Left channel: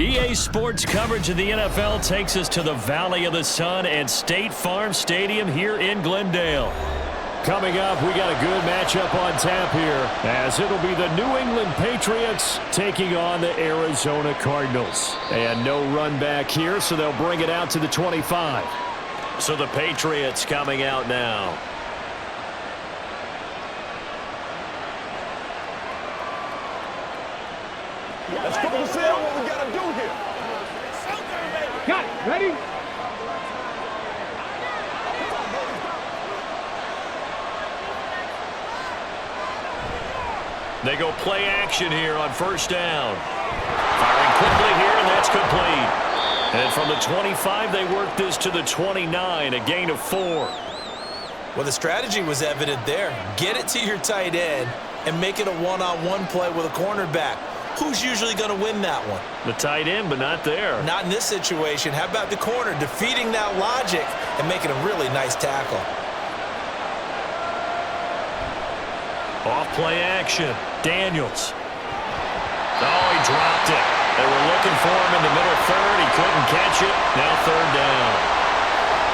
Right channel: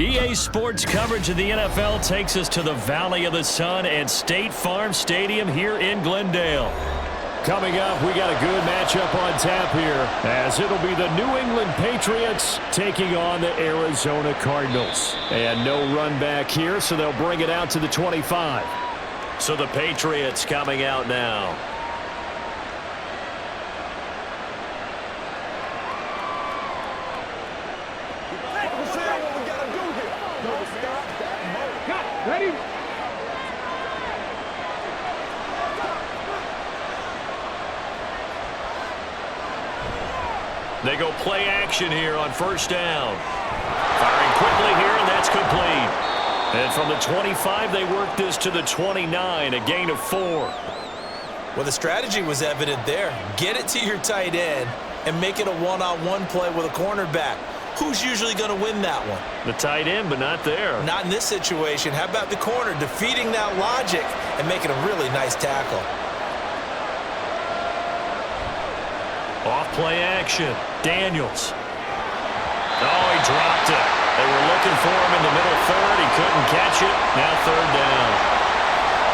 EA Sports coverage of the NFL takes us to the Valley of the Sun and State Farm Stadium here in Glendale. Coming up, we got a good matchup on tap here, as it'll be the New England Patriots taking on the Arizona Cardinals. And no run back here, so they'll bring it out to the 25. So the Patriots coming out now. Ready? They go play action here on first down. Firing quickly here, and that's complete. And from the 25, they work this to the 29, a gain of 4. Well, the strategy was evident there. Get it to your tight end and make it a one-on-one play with a cornerback. Who's usually going to win that one? The tight end, but not there. Not in this situation. How about the corner defeating that logic and making a really nice tackle? Off play action. Daniels. Oh, he dropped it. They were looking for him in the middle third. He couldn't catch it. Now third down.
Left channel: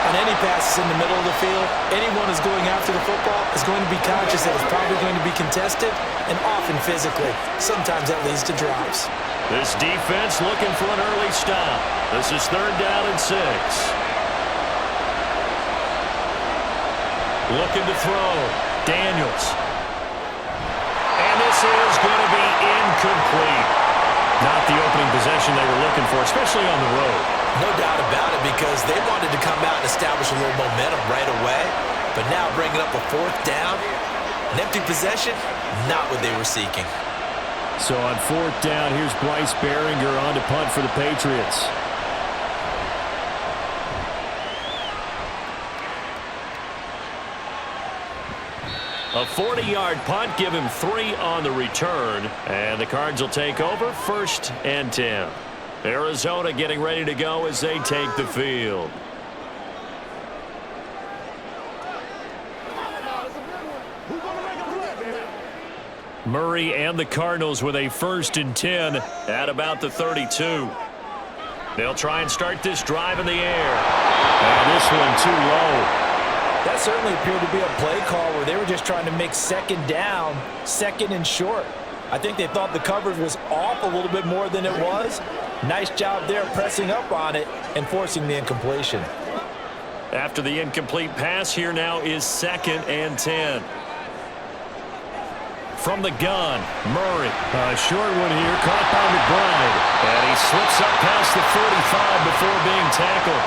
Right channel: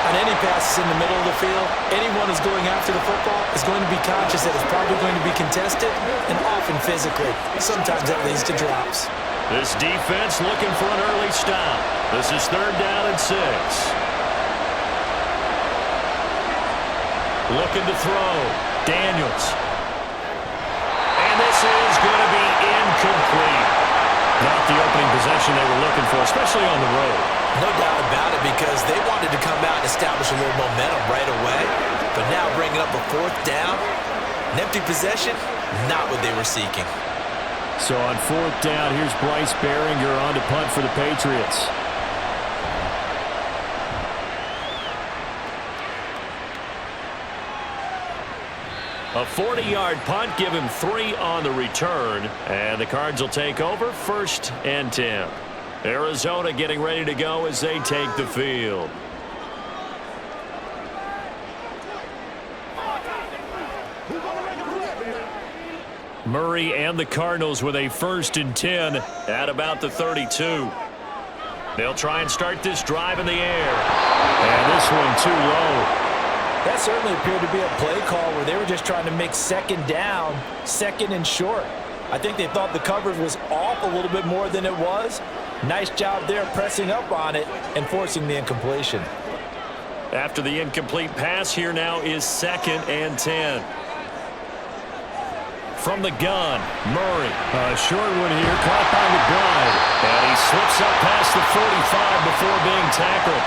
On any passes in the middle of the field, anyone who's going after the football is going to be conscious that it's probably going to be contested and often physically. Sometimes that leads to drops. This defense looking for an early stop. This is third down and 6. Looking to throw. Daniels. And this is going to be incomplete. Not the opening possession they were looking for, especially on the road. No doubt about it, because they wanted to come out and establish a little momentum right away. But now bringing up a fourth down, an empty possession, not what they were seeking. So on fourth down, here's Bryce Behringer on to punt for the Patriots. A 40-yard punt, give him 3 on the return. And the Cards will take over, 1st and 10. Arizona getting ready to go as they take the field. Murray and the Cardinals with a 1st and 10 at about the 32. They'll try and start this drive in the air. And this one too low. That certainly appeared to be a play call where they were just trying to make second down, second and short. I think they thought the coverage was off a little bit more than it was. Nice job there pressing up on it and forcing the incompletion. After the incomplete pass, here now is 2nd and 10. From the gun, Murray. A short one here, caught by McBride. And he slips up past the 45 before being tackled.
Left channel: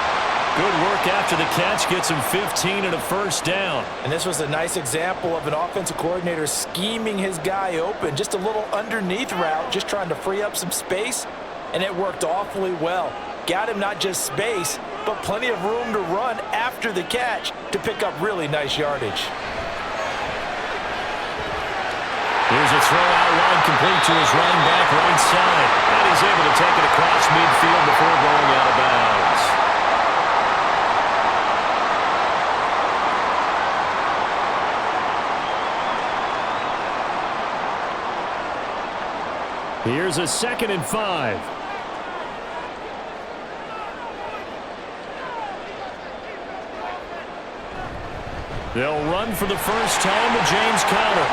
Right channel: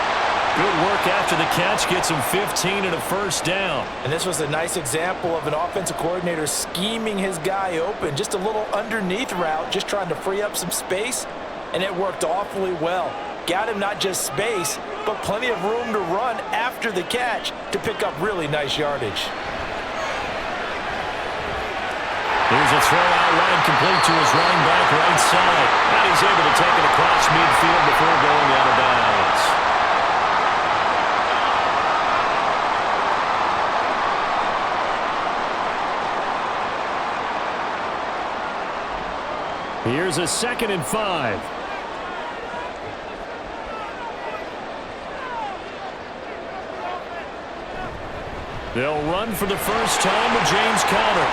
Good work after the catch, gets him 15 and a 1st down. And this was a nice example of an offensive coordinator scheming his guy open. Just a little underneath route, just trying to free up some space, and it worked awfully well. Got him not just space, but plenty of room to run after the catch to pick up really nice yardage. Here's a throw out line complete to his running back right side. And he's able to take it across midfield before going out of bounds. Here's a 2nd and 5. They'll run for the first time with James Conner.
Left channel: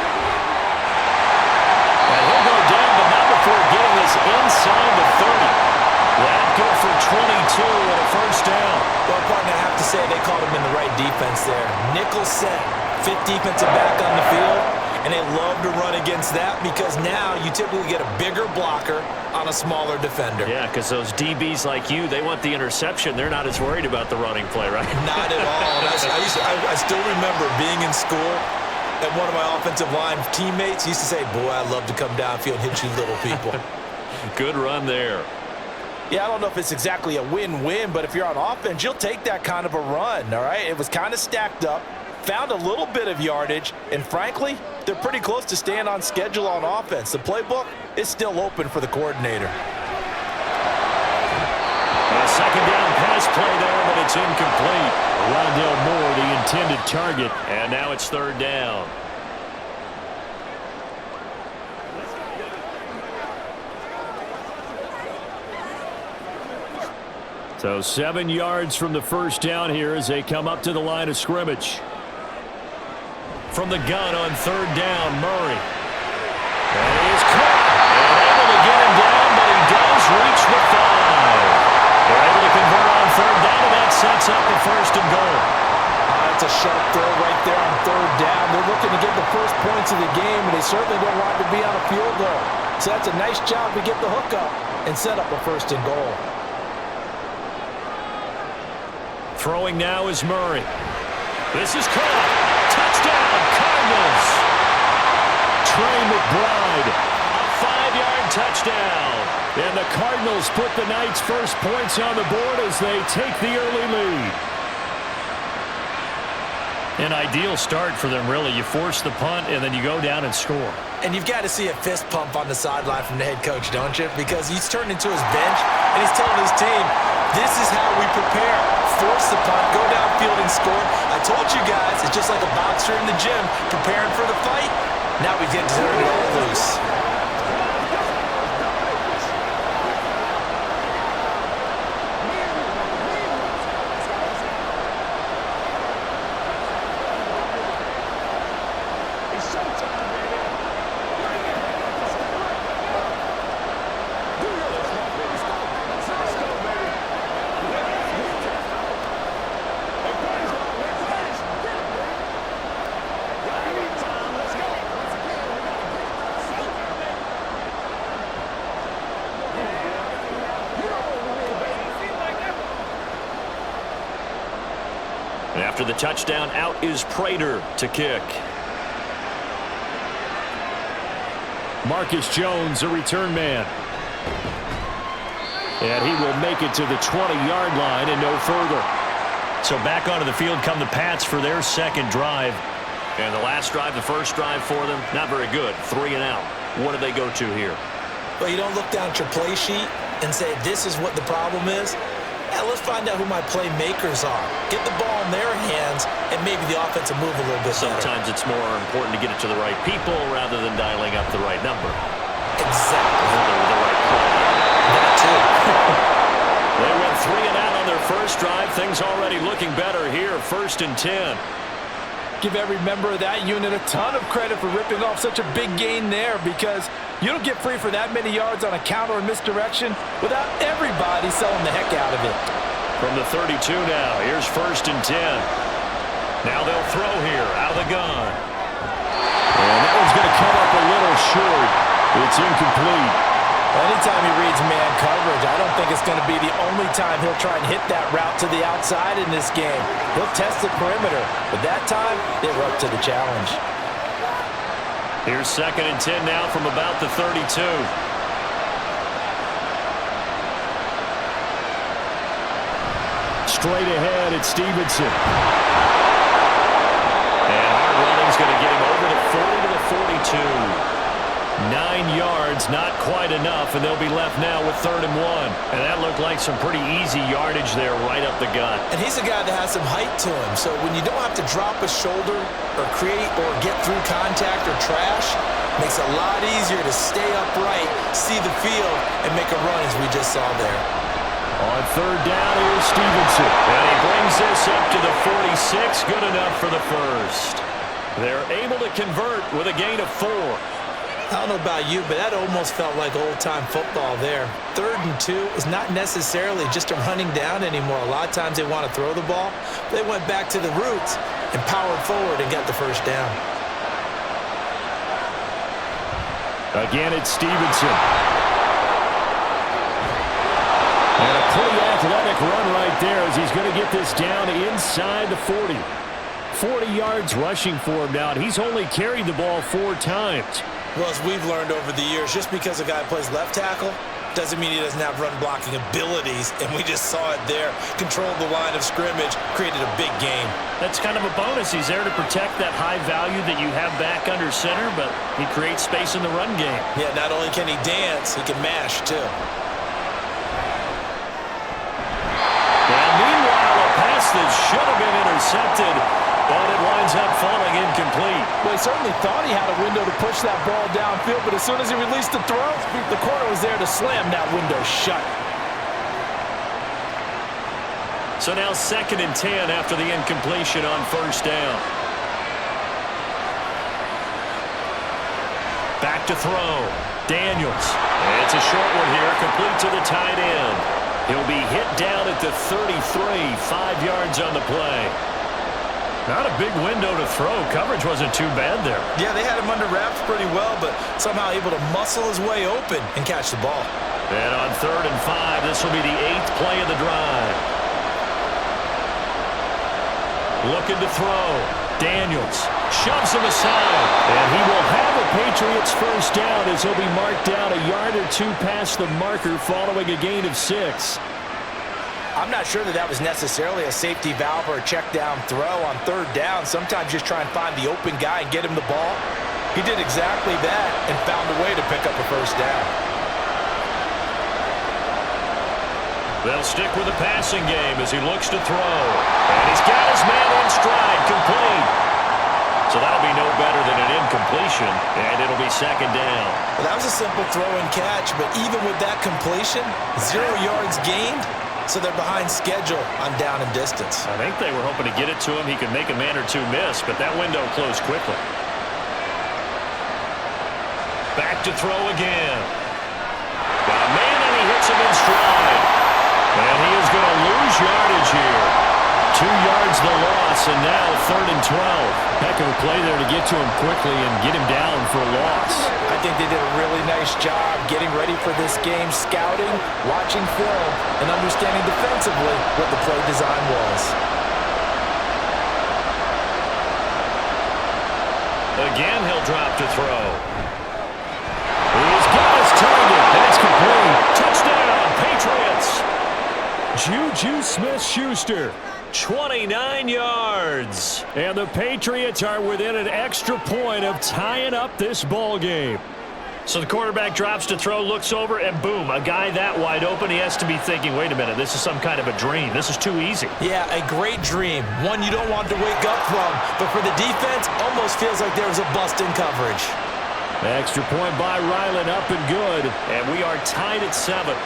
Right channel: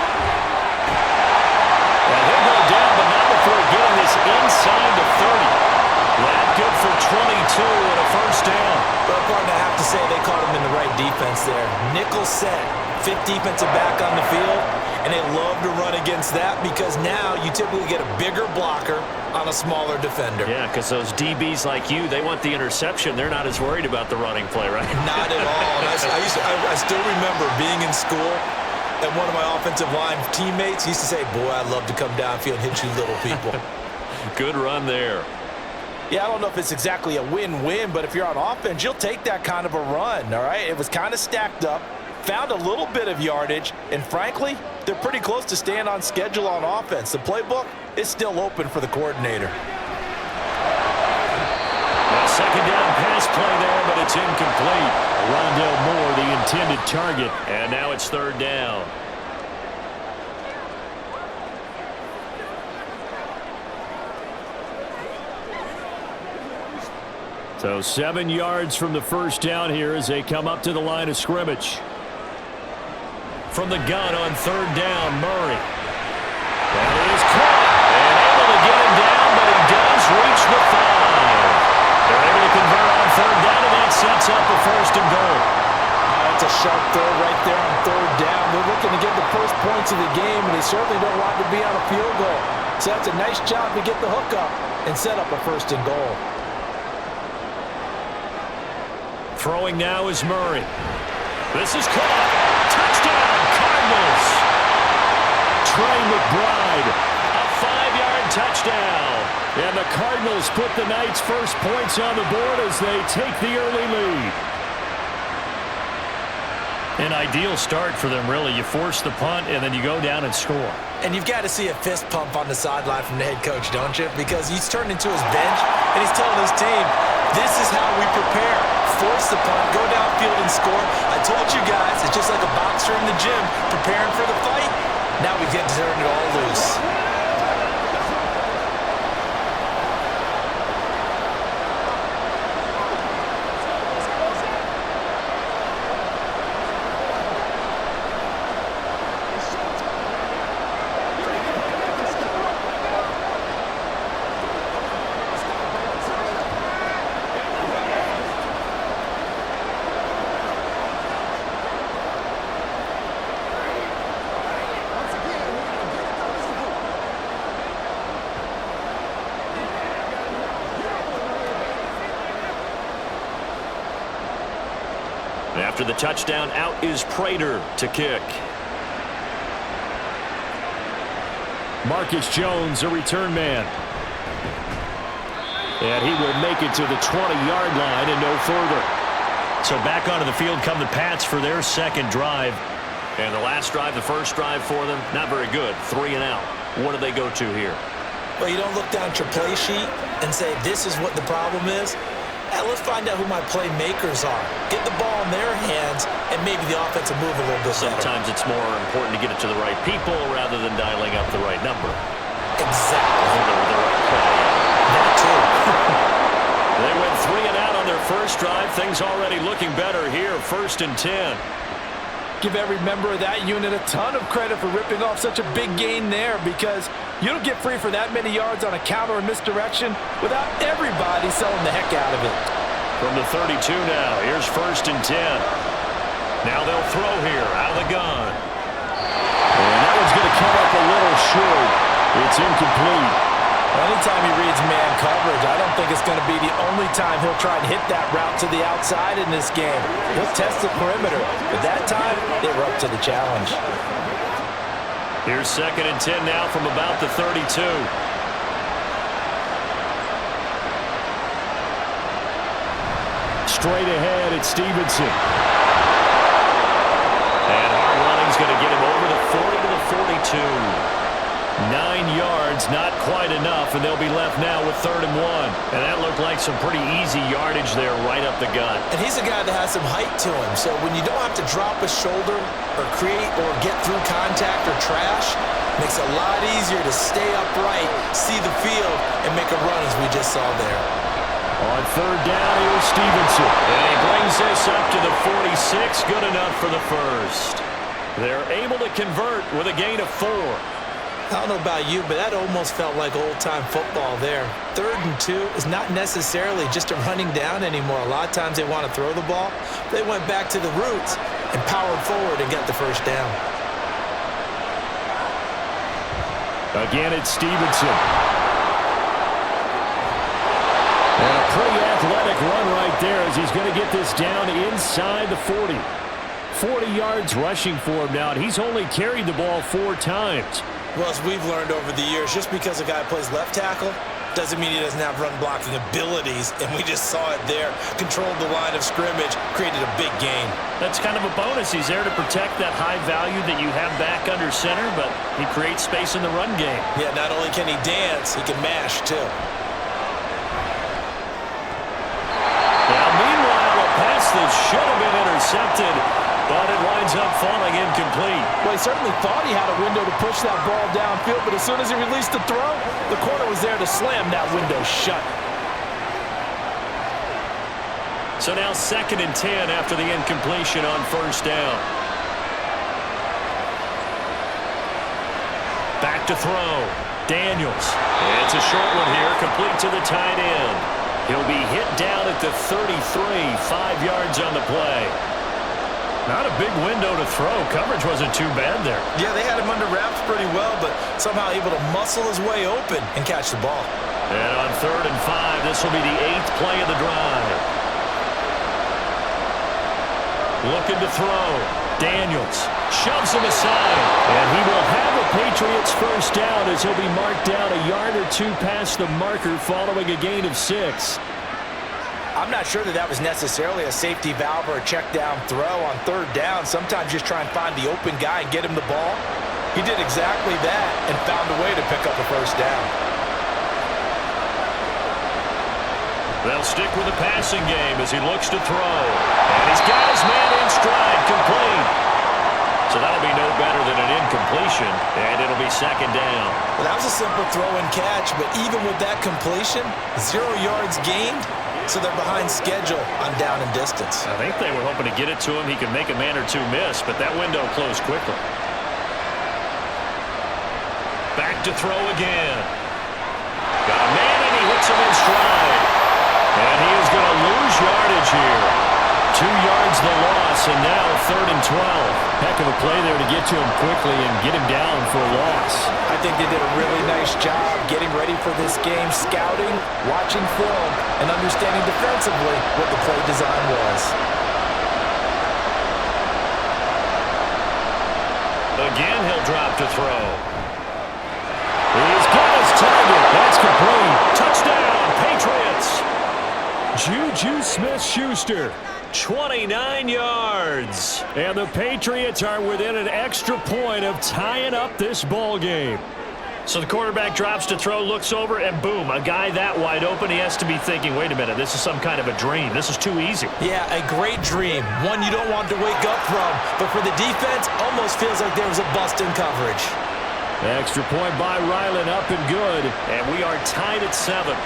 And he'll go down, but not before getting this inside the 30. That good for 22 and a 1st down. Well, partner, I have to say they caught him in the right defense there. Nickel set, 5th defensive back on the field. And they love to run against that because now you typically get a bigger blocker on a smaller defender. Yeah, because those DBs like you, they want the interception. They're not as worried about the running play, right? Not at all. And I still remember being in school, and one of my offensive line teammates used to say, boy, I love to come downfield and hit you little people. Good run there. Yeah, I don't know if it's exactly a win-win, but if you're on offense, you'll take that kind of a run, all right? It was kind of stacked up. Found a little bit of yardage, and frankly, they're pretty close to staying on schedule on offense. The playbook is still open for the coordinator. A 2nd down pass play there, but it's incomplete. Rondale Moore, the intended target, and now it's 3rd down. So 7 yards from the first down here as they come up to the line of scrimmage. From the gun on third down, Murray. That is caught and able to get him down, but he does reach the 5. They're able to convert on third down, and that sets up a first and goal. That's a sharp throw right there on third down. They're looking to get the first points of the game, and they certainly don't want to be on a field goal. So that's a nice job to get the hook up and set up a first and goal. Throwing now is Murray. This is caught. Touchdown, Cardinals. Trey McBride, a 5-yard touchdown. And the Cardinals put the night's first points on the board as they take the early lead. An ideal start for them, really. You force the punt, and then you go down and score. And you've got to see a fist pump on the sideline from the head coach, don't you? Because he's turned into his bench, and he's telling his team, this is how we prepare. Force the punt, go downfield and score. I told you guys, it's just like a boxer in the gym preparing for the fight. Now we get to turn it all loose. After the touchdown, out is Prater to kick. Marcus Jones, a return man. And he will make it to the 20-yard line and no further. So back onto the field come the Pats for their second drive. And the last drive, the first drive for them, not very good. 3 and out. What do they go to here? Well, you don't look down at your play sheet and say, this is what the problem is. Let's find out who my playmakers are. Get the ball in their hands, and maybe the offense will move a little bit better. Sometimes it's more important to get it to the right people rather than dialing up the right number. Exactly. Or the right play. That too. They went 3 and out on their first drive. Things already looking better here. 1st and 10. Give every member of that unit a ton of credit for ripping off such a big gain there, because you don't get free for that many yards on a counter or misdirection without everybody selling the heck out of it. From the 32 now, here's 1st and 10. Now they'll throw here out of the gun. And that one's going to come up a little short. It's incomplete. Anytime he reads man coverage, I don't think it's going to be the only time he'll try and hit that route to the outside in this game. He'll test the perimeter, but that time, they were up to the challenge. Here's 2nd and 10 now from about the 32. Straight ahead, it's Stevenson. And hard running's going to get him over the 40 to the 42. 9 yards, not quite enough, and they'll be left now with 3rd and 1. And that looked like some pretty easy yardage there right up the gut. And he's a guy that has some height to him, so when you don't have to drop a shoulder or create or get through contact or trash, makes it a lot easier to stay upright, see the field, and make a run as we just saw there. On 3rd down, here's Stevenson. And he brings this up to the 46, good enough for the first. They're able to convert with a gain of 4. I don't know about you, but that almost felt like old-time football there. 3rd and 2 is not necessarily just a running down anymore. A lot of times they want to throw the ball. They went back to the roots and powered forward and got the first down. Again, it's Stevenson. And a pretty athletic run right there as he's going to get this down inside the 40. 40 yards rushing for him now, and he's only carried the ball 4 times. Well, as we've learned over the years, just because a guy plays left tackle doesn't mean he doesn't have run blocking abilities, and we just saw it there. Controlled the line of scrimmage, created a big gain. That's kind of a bonus. He's there to protect that high value that you have back under center, but he creates space in the run game. Yeah, not only can he dance, he can mash too. Now, meanwhile, a pass that should have been intercepted, but it winds up falling incomplete. Well, he certainly thought he had a window to push that ball downfield, but as soon as he released the throw, the corner was there to slam that window shut. So now 2nd and 10 after the incompletion on 1st down. Back to throw. Daniels. It's a short one here, complete to the tight end. He'll be hit down at the 33, 5 yards on the play. Not a big window to throw. Coverage wasn't too bad there. Yeah, they had him under wraps pretty well, but somehow able to muscle his way open and catch the ball. And on 3rd and 5, this will be the 8th play of the drive. Looking to throw. Daniels shoves him aside, and he will have a Patriots first down as he'll be marked down a yard or two past the marker following a gain of 6. I'm not sure that was necessarily a safety valve or a check down throw on 3rd down. Sometimes just try and find the open guy and get him the ball. He did exactly that and found a way to pick up a first down. They'll stick with the passing game as he looks to throw. And he's got his man in stride, complete. So that'll be no better than an incompletion, and it'll be 2nd down. Well, that was a simple throw and catch, but even with that completion, 0 yards gained, so they're behind schedule on down and distance. I think they were hoping to get it to him. He could make a man or two miss, but that window closed quickly. Back to throw again. Got a man, and he hits him in stride. And he is going to lose yardage here. 2 yards the loss, and now 3rd and 12. Heck of a play there to get to him quickly and get him down for a loss. I think they did a really nice job getting ready for this game, scouting, watching film, and understanding defensively what the play design was. Again, he'll drop to throw. He's got his target. That's complete. Touchdown, Patriots. Juju Smith-Schuster. 29 yards. And the Patriots are within an extra point of tying up this ball game. So the quarterback drops to throw, looks over, and boom, a guy that wide open. He has to be thinking, wait a minute, this is some kind of a dream. This is too easy. Yeah, a great dream. One you don't want to wake up from. But for the defense, almost feels like there was a bust in coverage. The extra point by Ryland, up and good. And we are tied at 7.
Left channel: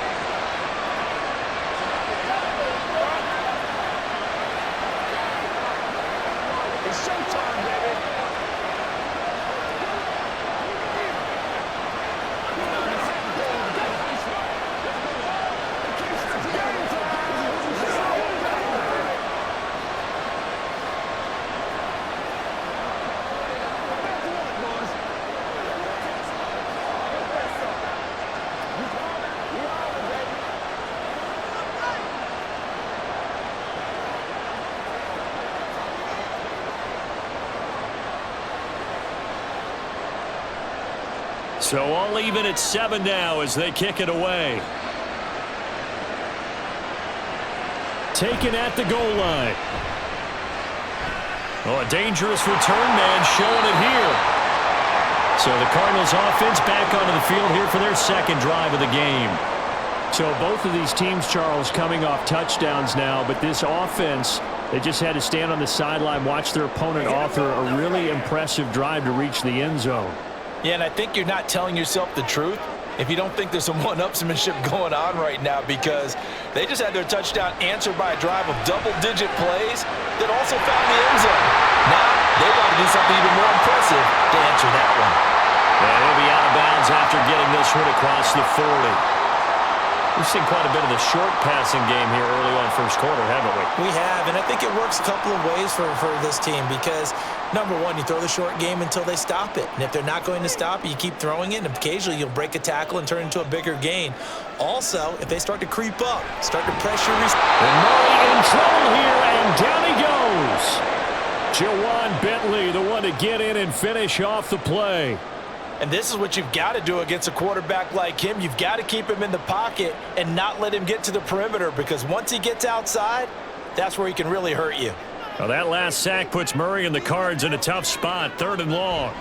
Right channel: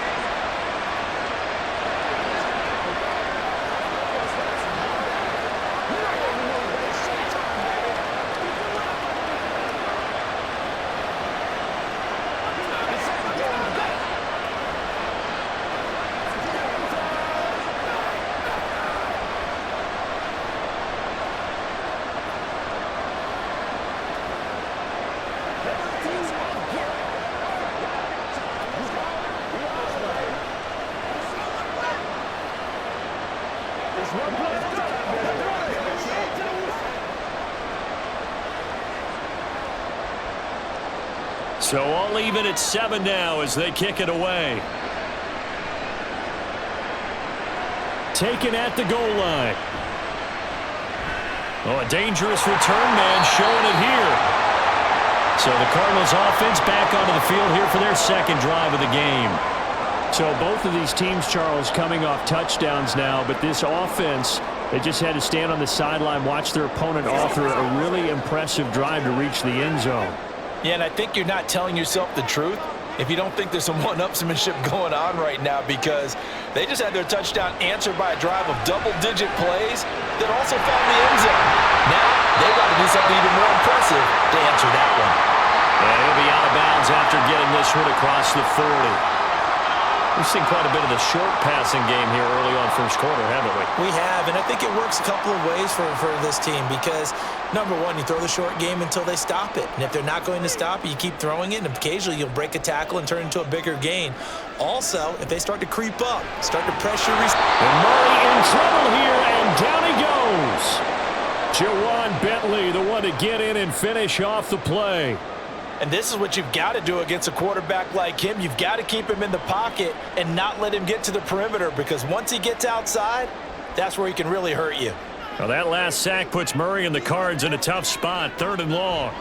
So all even at 7 now as they kick it away. Taken at the goal line. Oh, a dangerous return man showing it here. So the Cardinals offense back onto the field here for their 2nd drive of the game. So both of these teams, Charles, coming off touchdowns now, but this offense, they just had to stand on the sideline, watch their opponent author a really impressive drive to reach the end zone. Yeah, and I think you're not telling yourself the truth if you don't think there's some one-upsmanship going on right now, because they just had their touchdown answered by a drive of double-digit plays that also found the end zone. Now they got to do something even more impressive to answer that one. And he'll be out of bounds after getting this one across the 40. We've seen quite a bit of the short passing game here early on first quarter, haven't we? We have, and I think it works a couple of ways for this team because, number one, you throw the short game until they stop it. And if they're not going to stop it, you keep throwing it, and occasionally you'll break a tackle and turn it into a bigger gain. Also, if they start to creep up, start to pressure. And Murray in trouble here, and down he goes. Jawan Bentley, the one to get in and finish off the play. And this is what you've got to do against a quarterback like him. You've got to keep him in the pocket and not let him get to the perimeter, because once he gets outside, that's where he can really hurt you. Well, that last sack puts Murray and the Cards in a tough spot, 3rd and long.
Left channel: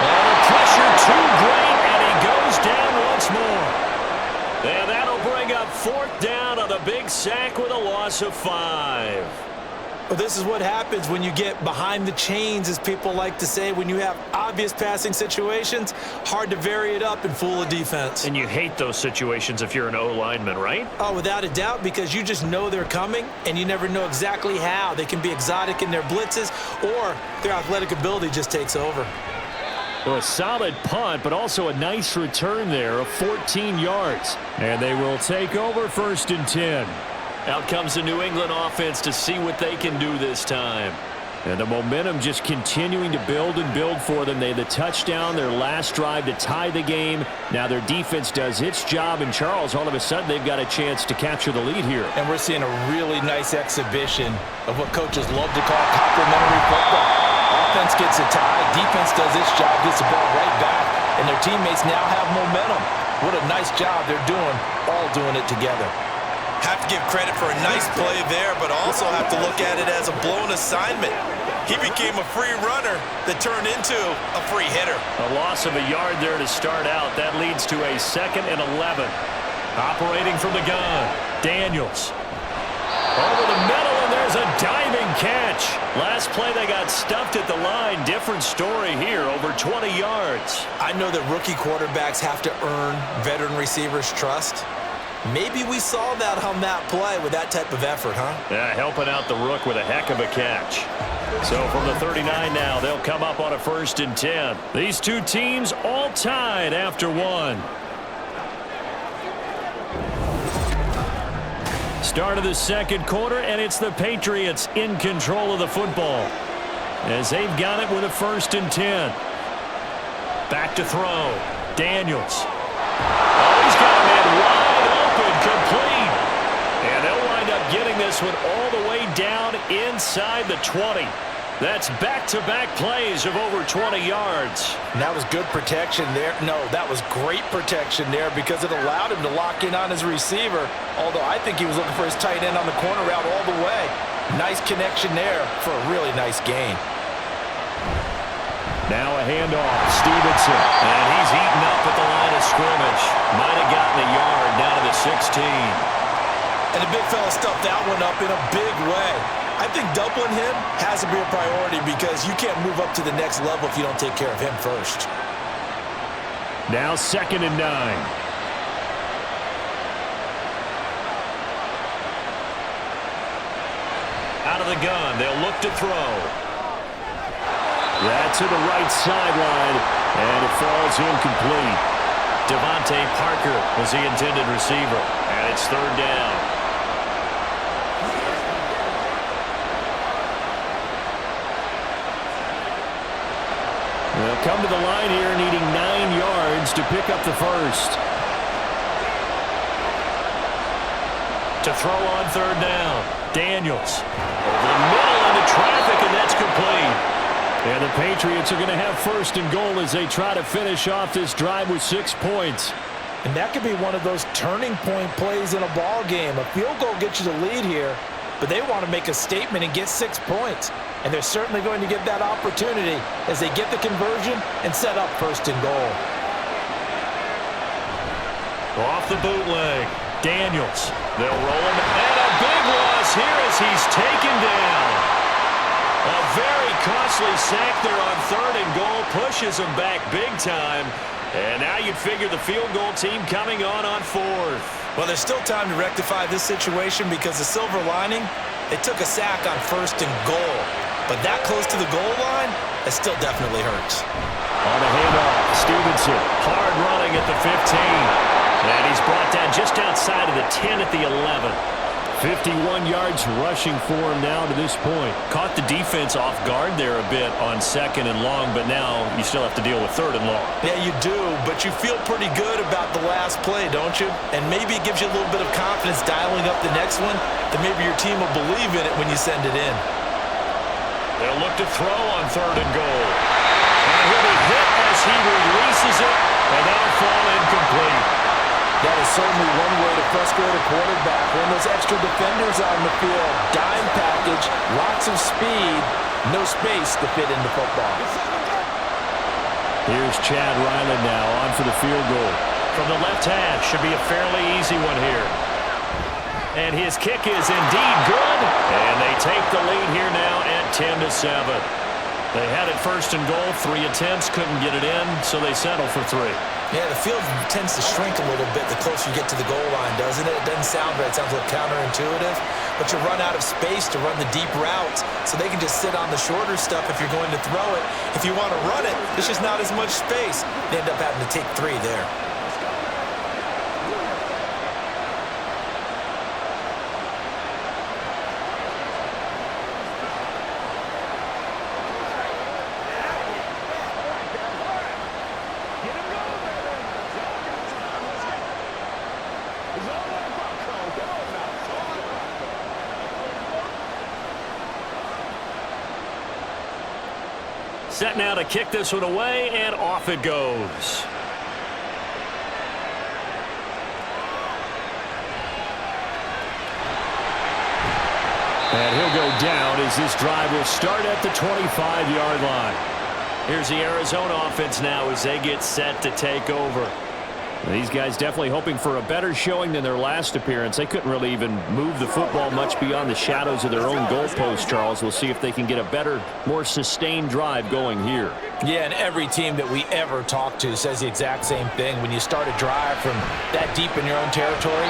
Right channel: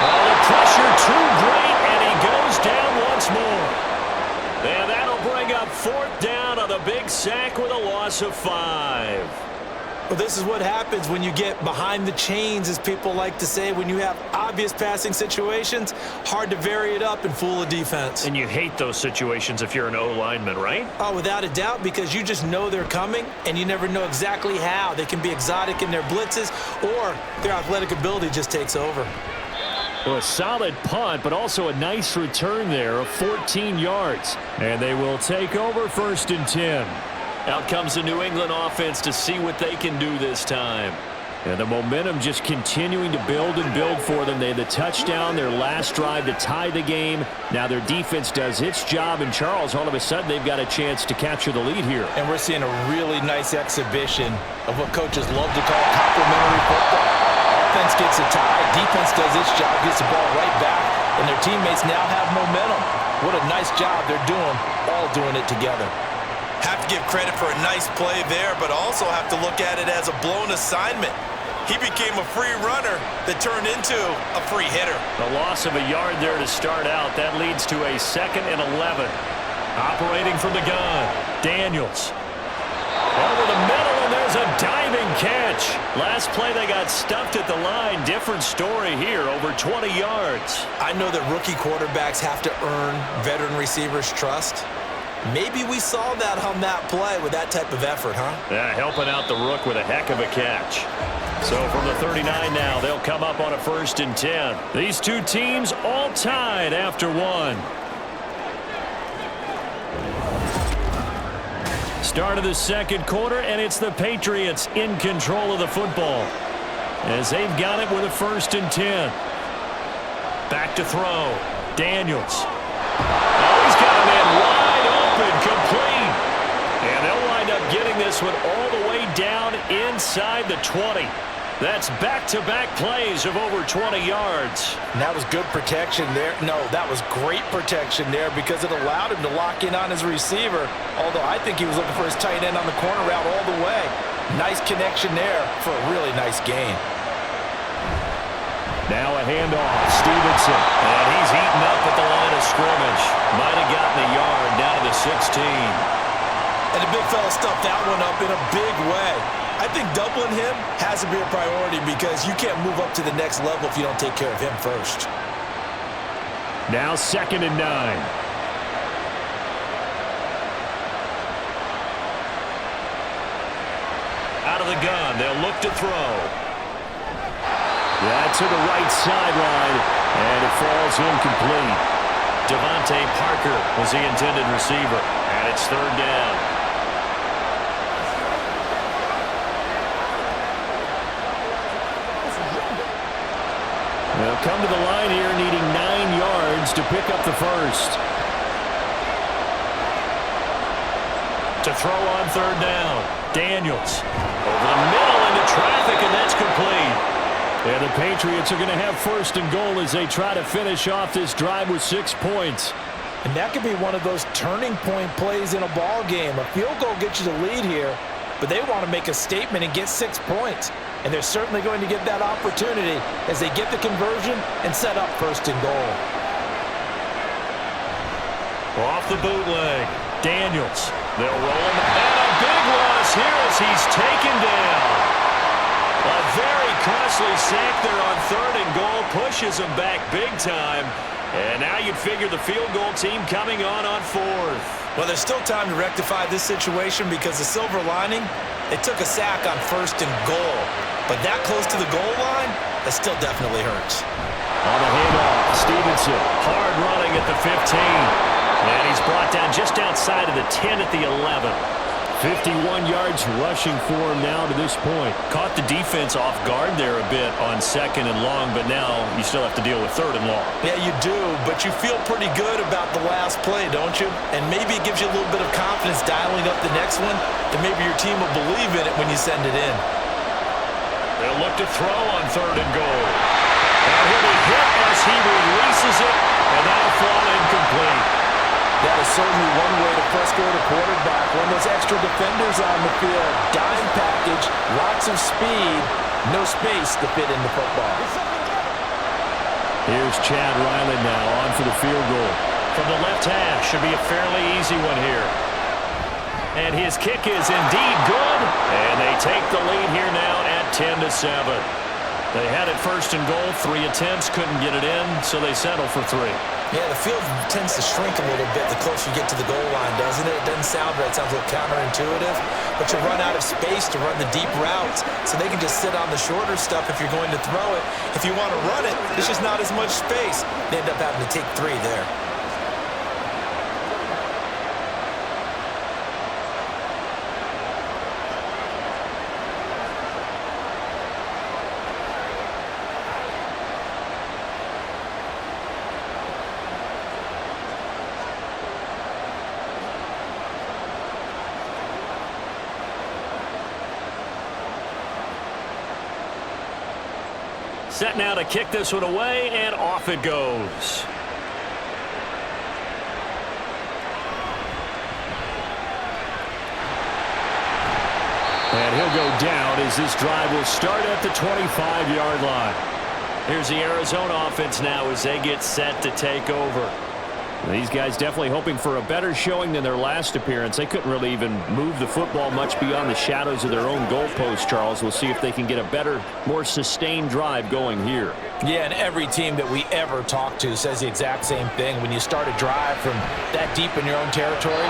Oh, the pressure too great, and he goes down once more. And that'll bring up 4th down on the big sack with a loss of 5. Well, this is what happens when you get behind the chains, as people like to say. When you have obvious passing situations, hard to vary it up and fool a defense. And you hate those situations if you're an O-lineman, right? Oh, without a doubt, because you just know they're coming, and you never know exactly how. They can be exotic in their blitzes, or their athletic ability just takes over. So a solid punt, but also a nice return there of 14 yards. And they will take over 1st and 10. Out comes the New England offense to see what they can do this time. And the momentum just continuing to build and build for them. They had the touchdown, their last drive to tie the game. Now their defense does its job, and Charles, all of a sudden, they've got a chance to capture the lead here. And we're seeing a really nice exhibition of what coaches love to call complementary football. Offense gets a tie, defense does its job, gets the ball right back, and their teammates now have momentum. What a nice job they're doing, all doing it together. Have to give credit for a nice play there, but also have to look at it as a blown assignment. He became a free runner that turned into a free hitter. A loss of a yard there to start out. That leads to a 2nd and 11. Operating from the gun, Daniels. Over the middle, and there's a diving catch. Last play, they got stuffed at the line. Different story here, over 20 yards. I know that rookie quarterbacks have to earn veteran receivers' trust. Maybe we saw that on that play with that type of effort, huh? Yeah, helping out the rook with a heck of a catch. So from the 39 now, they'll come up on a 1st and 10. These two teams all tied after one. Start of the 2nd quarter, and it's the Patriots in control of the football as they've got it with a 1st and 10. Back to throw. Daniels. Oh, he's got a man wide open, complete. And they'll wind up getting this one all the way down inside the 20. That's back-to-back plays of over 20 yards. And that was good protection there. No, that was great protection there because it allowed him to lock in on his receiver, although I think he was looking for his tight end on the corner route all the way. Nice connection there for a really nice gain. Now a handoff, Stevenson. And he's eaten up at the line of scrimmage. Might have gotten a yard down to the 16. And the big fella stuffed that one up in a big way. I think doubling him has to be a priority because you can't move up to the next level if you don't take care of him first. Now 2nd and 9. Out of the gun, they'll look to throw. That's to the right sideline, and it falls incomplete. Devontae Parker was the intended receiver, and it's 3rd down. They'll come to the line here needing 9 yards to pick up the 1st. To throw on 3rd down. Daniels over the middle into traffic, and that's complete. And the Patriots are going to have 1st and goal as they try to finish off this drive with 6 points. And that could be one of those turning point plays in a ball game. A field goal gets you the lead here, but they want to make a statement and get 6 points. And they're certainly going to get that opportunity as they get the conversion and set up 1st and goal. Off the bootleg. Daniels. They'll roll him. And a big loss here as he's taken down. A very costly sack there on 3rd and goal. Pushes him back big time. And now you'd figure the field goal team coming on 4th. Well, there's still time to rectify this situation because the silver lining, they took a sack on 1st and goal. But that close to the goal line, that still definitely hurts. On the handoff, Stevenson. Hard running at the 15. And he's brought down just outside of the 10 at the 11. 51 yards rushing for him now to this point. Caught the defense off guard there a bit on 2nd and long, but now you still have to deal with 3rd and long. Yeah, you do, but you feel pretty good about the last play, don't you? And maybe it gives you a little bit of confidence dialing up the next one, that maybe your team will believe in it when you send it in. They'll look to throw on 3rd and goal. And he'll be hit as he releases it, and that'll fall incomplete. That is certainly one way to frustrate a quarterback. When those extra defenders on the field, dime package, lots of speed, no space to fit into football. Here's Chad Ryland now on for the field goal. From the left hash, should be a fairly easy one here. And his kick is indeed good. And they take the lead here now at 10-7. They had it first and goal. 3 attempts, couldn't get it in, so they settle for 3. Yeah, the field tends to shrink a little bit the closer you get to the goal line, doesn't it? It doesn't sound right. It sounds a little counterintuitive. But you run out of space to run the deep routes, so they can just sit on the shorter stuff if you're going to throw it. If you want to run it, there's just not as much space. They end up having to take 3 there. Set now to kick this one away, and off it goes. And he'll go down as this drive will start at the 25-yard line. Here's the Arizona offense now as they get set to take over. These guys definitely hoping for a better showing than their last appearance. They couldn't really even move the football much beyond the shadows of their own goalpost, Charles. We'll see if they can get a better, more sustained drive going here. Yeah, and every team that we ever talk to says the exact same thing. When you start a drive from that deep in your own territory,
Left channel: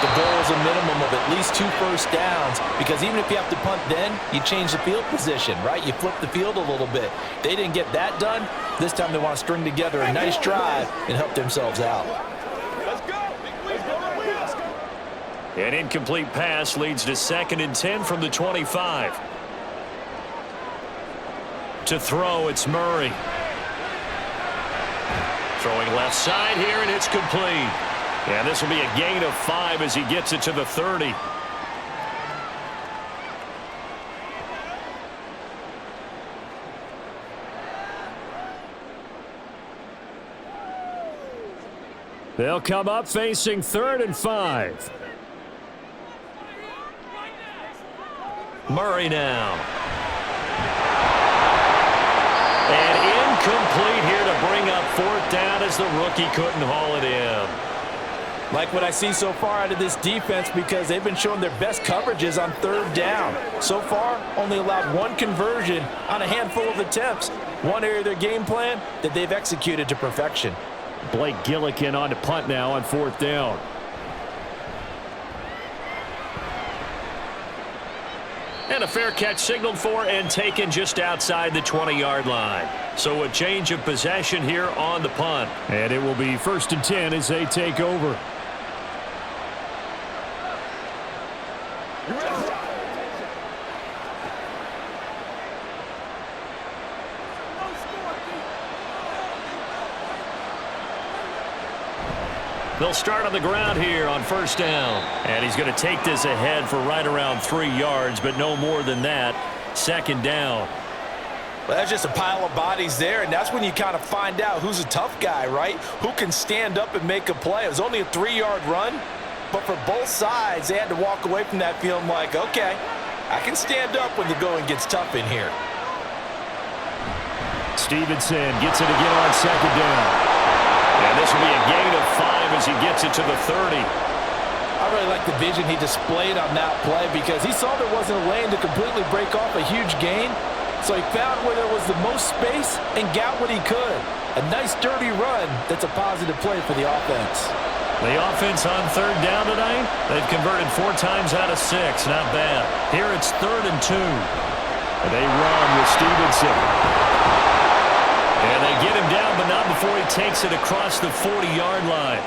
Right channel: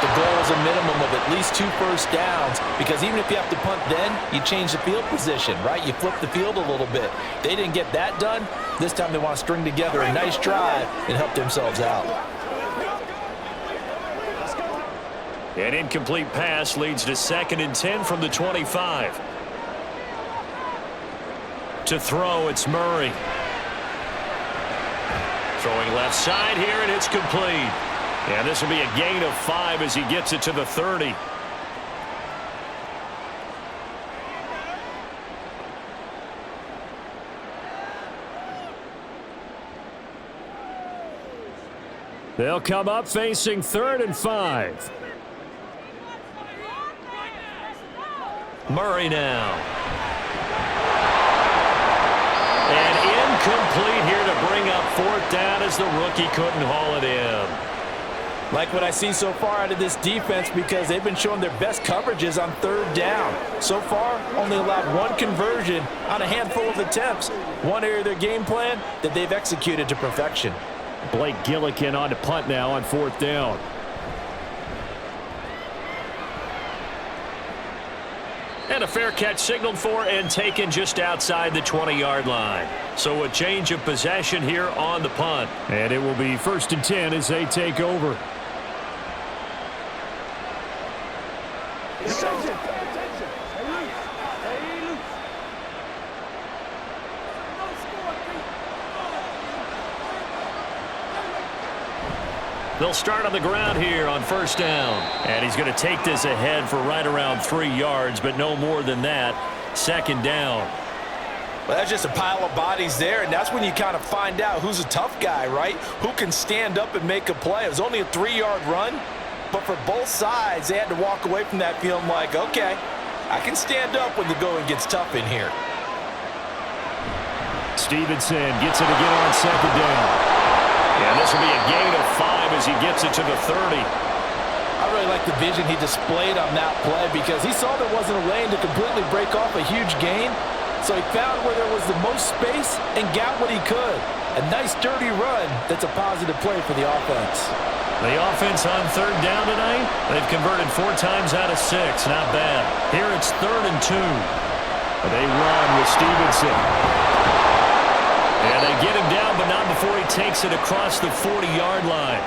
the goal is a minimum of at least 2 first downs, because even if you have to punt then, you change the field position, right? You flip the field a little bit. They didn't get that done. This time they want to string together a nice drive and help themselves out. An incomplete pass leads to 2nd and 10 from the 25. To throw, it's Murray. Throwing left side here, and it's complete. And this will be a gain of 5 as he gets it to the 30. They'll come up facing 3rd and 5. Murray now. And incomplete here to bring up 4th down as the rookie couldn't haul it in. Like what I see so far out of this defense, because they've been showing their best coverages on 3rd down. So far, only allowed 1 conversion on a handful of attempts. One area of their game plan that they've executed to perfection. Blake Gillikin on to punt now on 4th down. And a fair catch signaled for and taken just outside the 20-yard line. So a change of possession here on the punt. And it will be 1st and 10 as they take over. They'll start on the ground here on 1st down. And he's going to take this ahead for right around 3 yards, but no more than that. 2nd down. Well, that's just a pile of bodies there, and that's when you kind of find out who's a tough guy, right? Who can stand up and make a play. It was only a 3-yard run, but for both sides, they had to walk away from that feeling like, okay, I can stand up when the going gets tough in here. Stevenson gets it again on 2nd down. And this will be a gain of 5 as he gets it to the 30. I really like the vision he displayed on that play, because he saw there wasn't a lane to completely break off a huge gain. So he found where there was the most space and got what he could. A nice dirty run that's a positive play for the offense. The offense on 3rd down tonight, they've converted 4 times out of 6. Not bad. Here it's 3rd and 2. They run with Stevenson. And they get him down, but not before he takes it across the 40-yard line.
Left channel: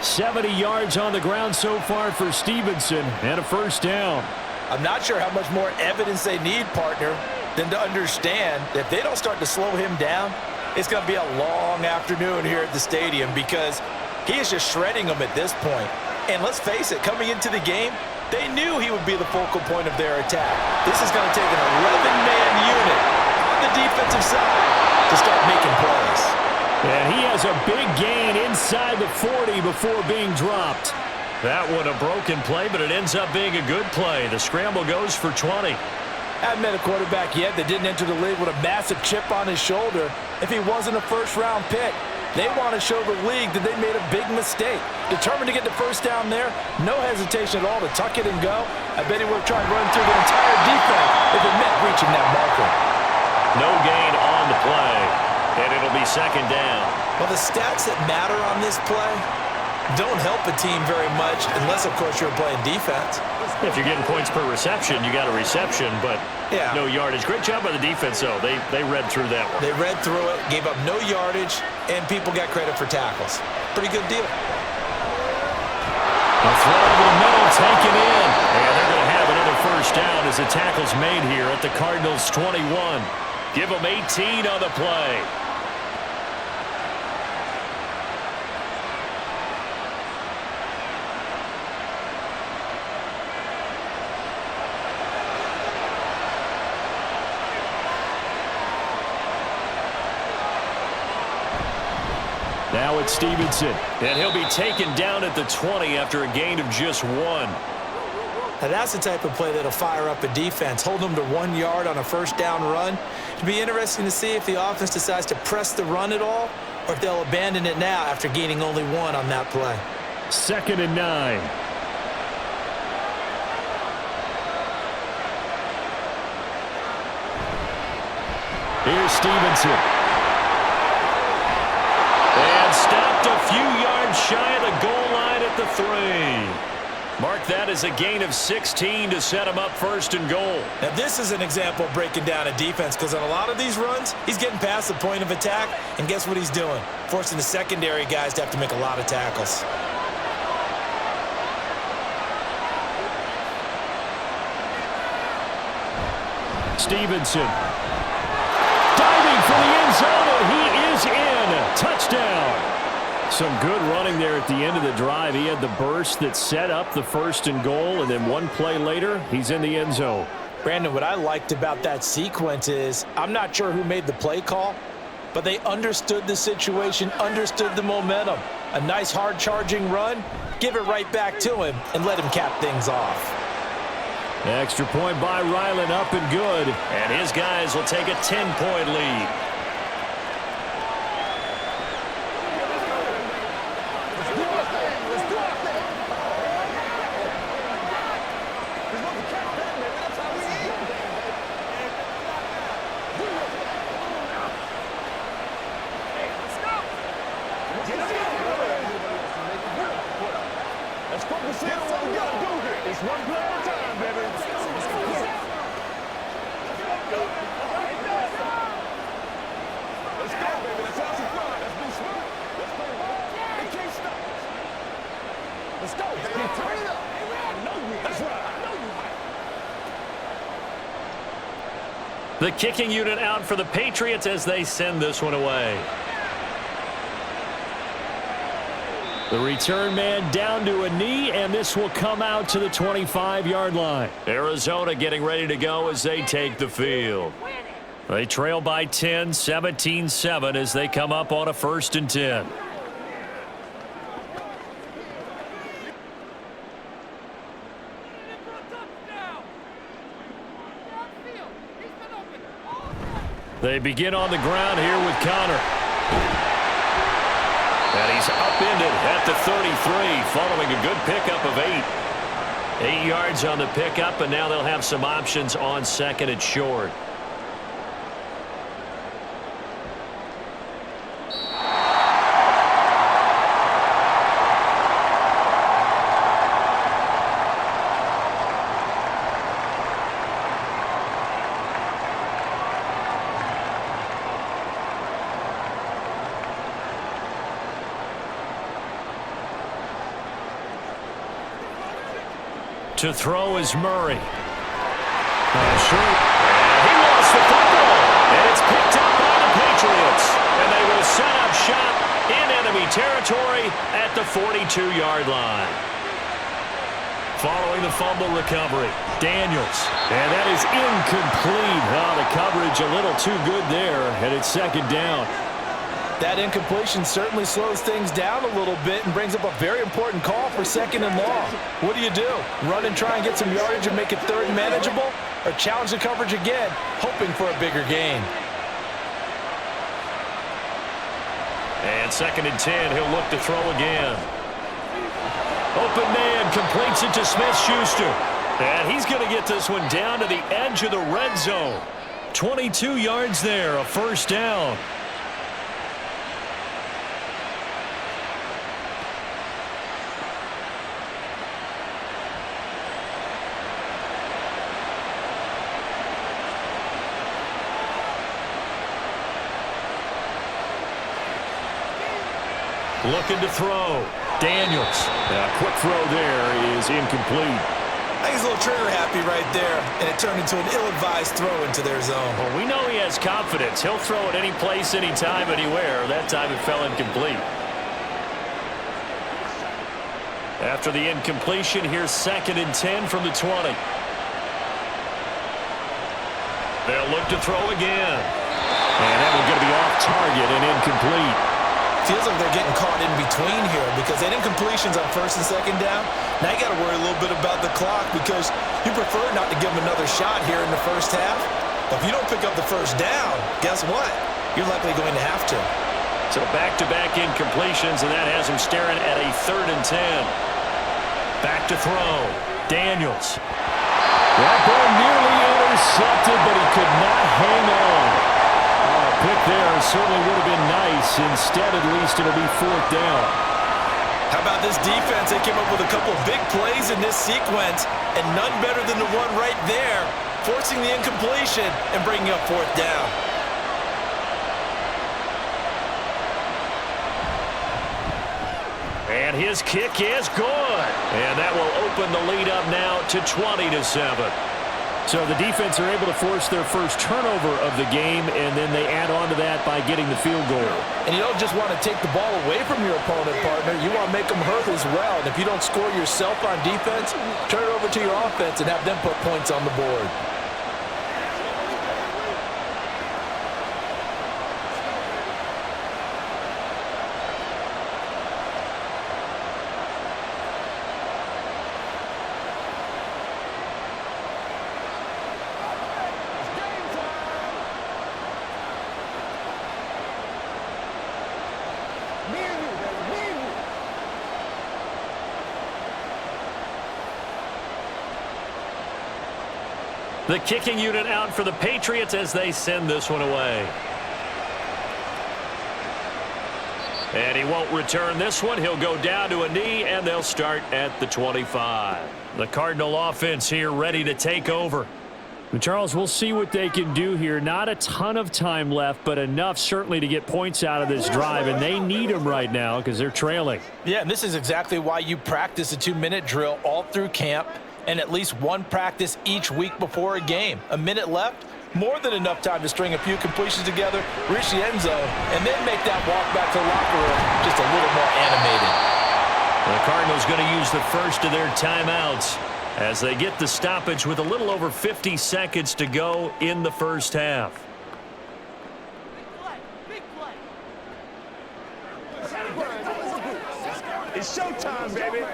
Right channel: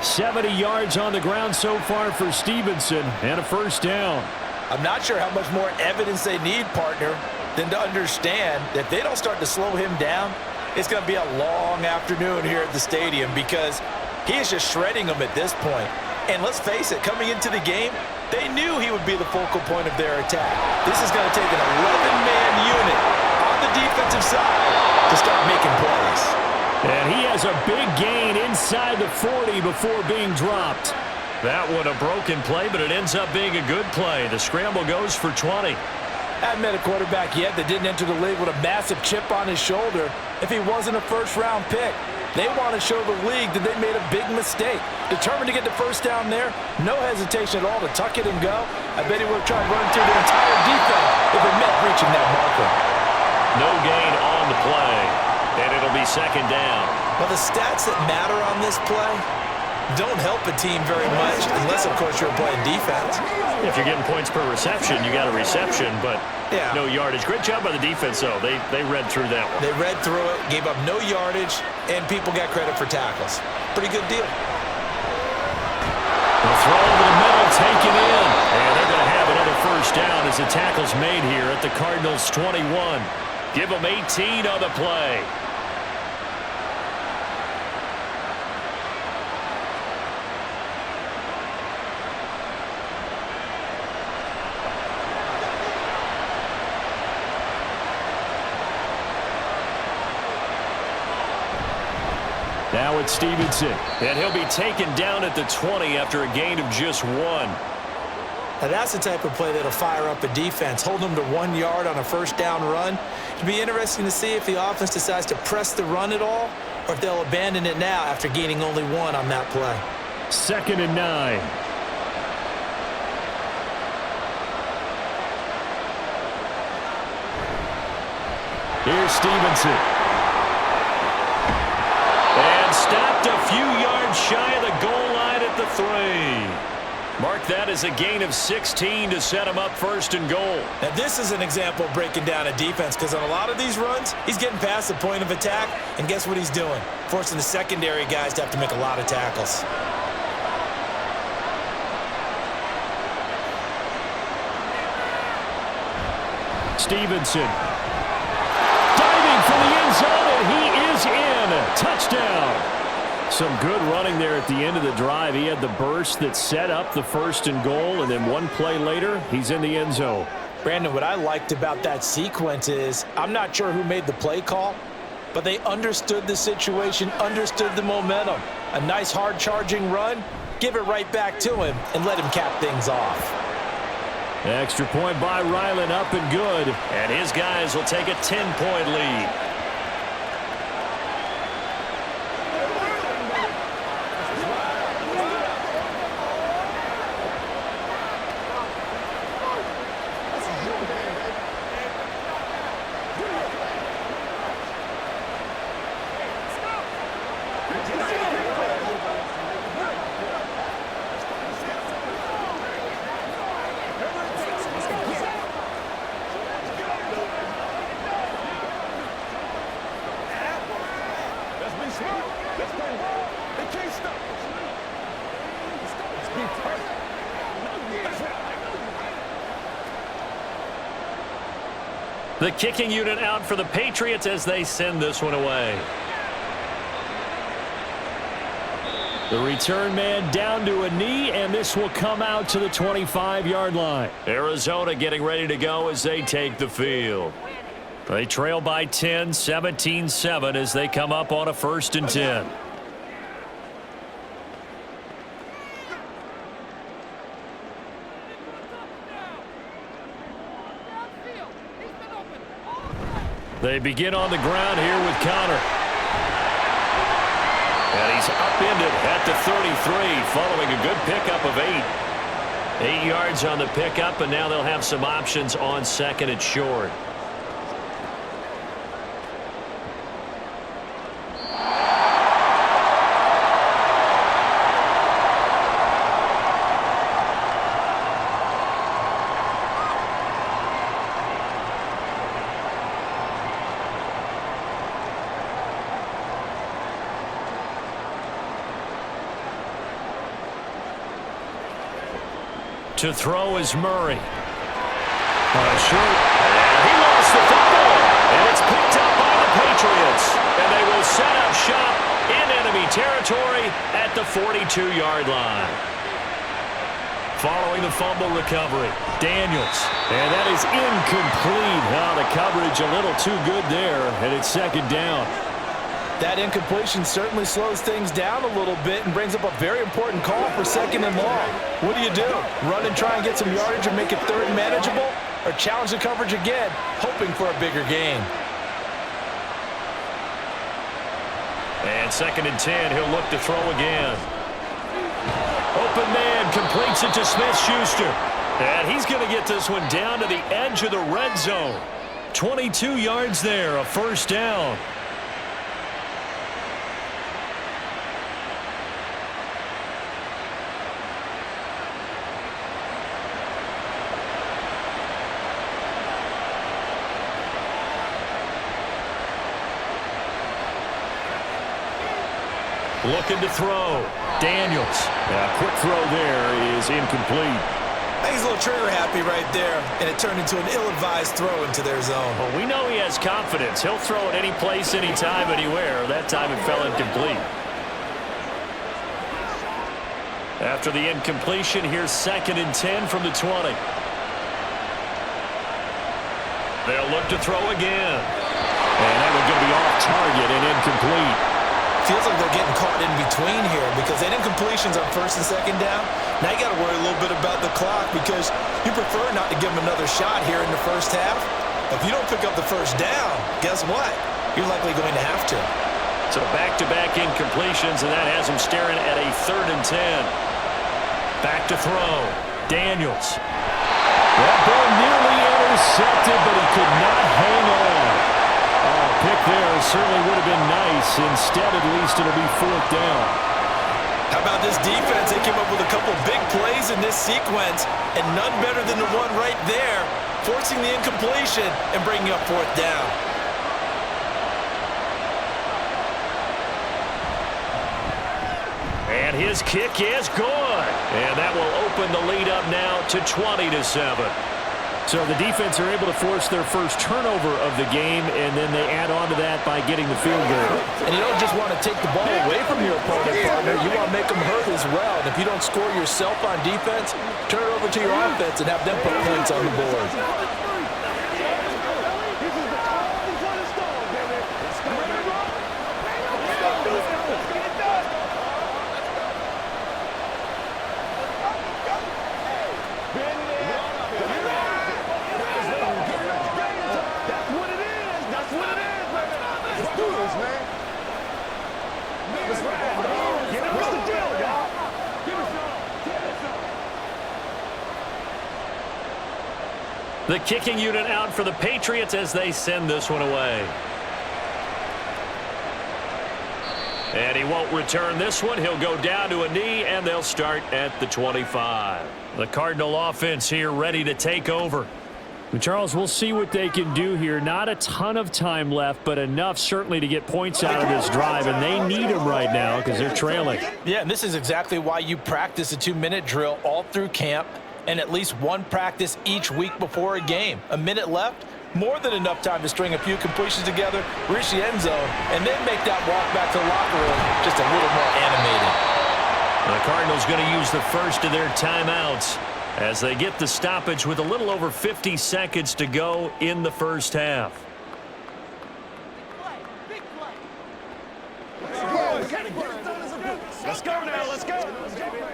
70 yards on the ground so far for Stevenson, and a 1st down. I'm not sure how much more evidence they need, partner, than to understand that if they don't start to slow him down, it's going to be a long afternoon here at the stadium, because he is just shredding them at this point. And let's face it, coming into the game, they knew he would be the focal point of their attack. This is going to take an 11-man unit on the defensive side to start making plays. And he has a big gain inside the 40 before being dropped. That one a broken play, but it ends up being a good play. The scramble goes for 20. Haven't met a quarterback yet that didn't enter the league with a massive chip on his shoulder if he wasn't a first-round pick. They want to show the league that they made a big mistake. Determined to get the first down there, no hesitation at all to tuck it and go. I bet he would have tried running through the entire defense if it meant reaching that marker. No gain on the play, and it'll be second down. Well, the stats that matter on this play don't help a team very much unless, of course, you're playing defense. If you're getting points per reception, you got a reception, but no yardage. Great job by the defense, though. They read through that one. They read through it, gave up no yardage, and people got credit for tackles. Pretty good deal. The throw over the middle, taken in. And they're going to have another first down as the tackle's made here at the Cardinals' 21. Give them 18 on the play. Now it's Stevenson, and he'll be taken down at the 20 after a gain of just 1. Now that's the type of play that'll fire up a defense, hold them to 1 yard on a first down run. It'll be interesting to see if the offense decides to press the run at all, or if they'll abandon it now after gaining only 1 on that play. 2nd and 9. Here's Stevenson. And stopped a few yards shy of the goal line at the 3. Mark that as a gain of 16 to set him up 1st and goal. Now this is an example of breaking down a defense, because on a lot of these runs, he's getting past the point of attack, and guess what he's doing? Forcing the secondary guys to have to make a lot of tackles. Stevenson. Diving for the end zone, and he is in. Touchdown. Some good running there at the end of the drive. He had the burst that set up the 1st and goal, and then 1 play later, he's in the end zone. Brandon, what I liked about that sequence is I'm not sure who made the play call, but they understood the situation, understood the momentum. A nice hard-charging run, give it right back to him, and let him cap things off. Extra point by Ryland, up and good. And his guys will take a 10-point lead. The kicking unit out for the Patriots as they send this one away. The return man down to a knee, and this will come out to the 25-yard line. Arizona getting ready to go as they take the field. They trail by 10, 17-7 as they come up on a 1st and 10. They begin on the ground here with Connor. And he's upended at the 33 following a good pickup of 8. 8 yards on the pickup, and now they'll have some options on 2nd and short. To throw is Murray. Sure. And he lost the football. And it's picked up by the Patriots. And they will set up shop in enemy territory at the 42-yard line. Following the fumble recovery, Daniels. And that is incomplete. Oh, the coverage a little too good there, and it's 2nd down. That incompletion certainly slows things down a little bit and brings up a very important call for 2nd and long. What do? Run and try and get some yardage and make it 3rd and manageable? or challenge the coverage again, hoping for a bigger gain. And 2nd and 10, he'll look to throw again. Open man completes it to Smith-Schuster. And he's going to get this one down to the edge of the red zone. 22 yards there, a first down. Looking to throw. Daniels. A quick throw there is incomplete. I think he's a little trigger happy right there, and it turned into an ill-advised throw into their zone. Well, we know he has confidence. He'll throw it any place, anytime, anywhere. That time it fell incomplete. After the incompletion, here's 2nd and 10 from the 20. They'll look to throw again. And that one's going to be off target and incomplete. Feels like they're getting caught in between here because they had incompletions on 1st and 2nd down. Now you got to worry a little bit about the clock because you prefer not to give them another shot here in the first half. But if you don't pick up the first down, guess what? You're likely going to have to. So back-to-back incompletions, and that has him staring at a 3rd and 10. Back to throw. Daniels. That ball nearly intercepted, but he could not hang on. Oh, pick there certainly would have been nice. Instead, at least, it'll be 4th down. How about this defense? They came up with a couple of big plays in this sequence, and none better than the one right there, forcing the incompletion and bringing up 4th down. And his kick is good. And that will open the lead up now to 20-7. So the defense are able to force their first turnover of the game, and then they add on to that by getting the field goal. And you don't just want to take the ball away from your opponent, partner. You want to make them hurt as well. And if you don't score yourself on defense, turn it over to your offense and have them put points on the board. The kicking unit out for the Patriots as they send this one away. And he won't return this one. He'll go down to a knee, and they'll start at the 25. The Cardinal offense here ready to take over. And Charles, we'll see what they can do here. Not a ton of time left, but enough certainly to get points out of this drive, and they need them right now because they're trailing. Yeah, and this is exactly why you practice a 2-minute drill all through camp and at least one practice each week before a game. A minute left, more than enough time to string a few completions together, reach the end zone, and then make that walk back to the locker room just a little more animated. The Cardinals going to use the first of their timeouts as they get the stoppage with a little over 50 seconds to go in the first half. Big play. Let's go now. It's showtime, baby.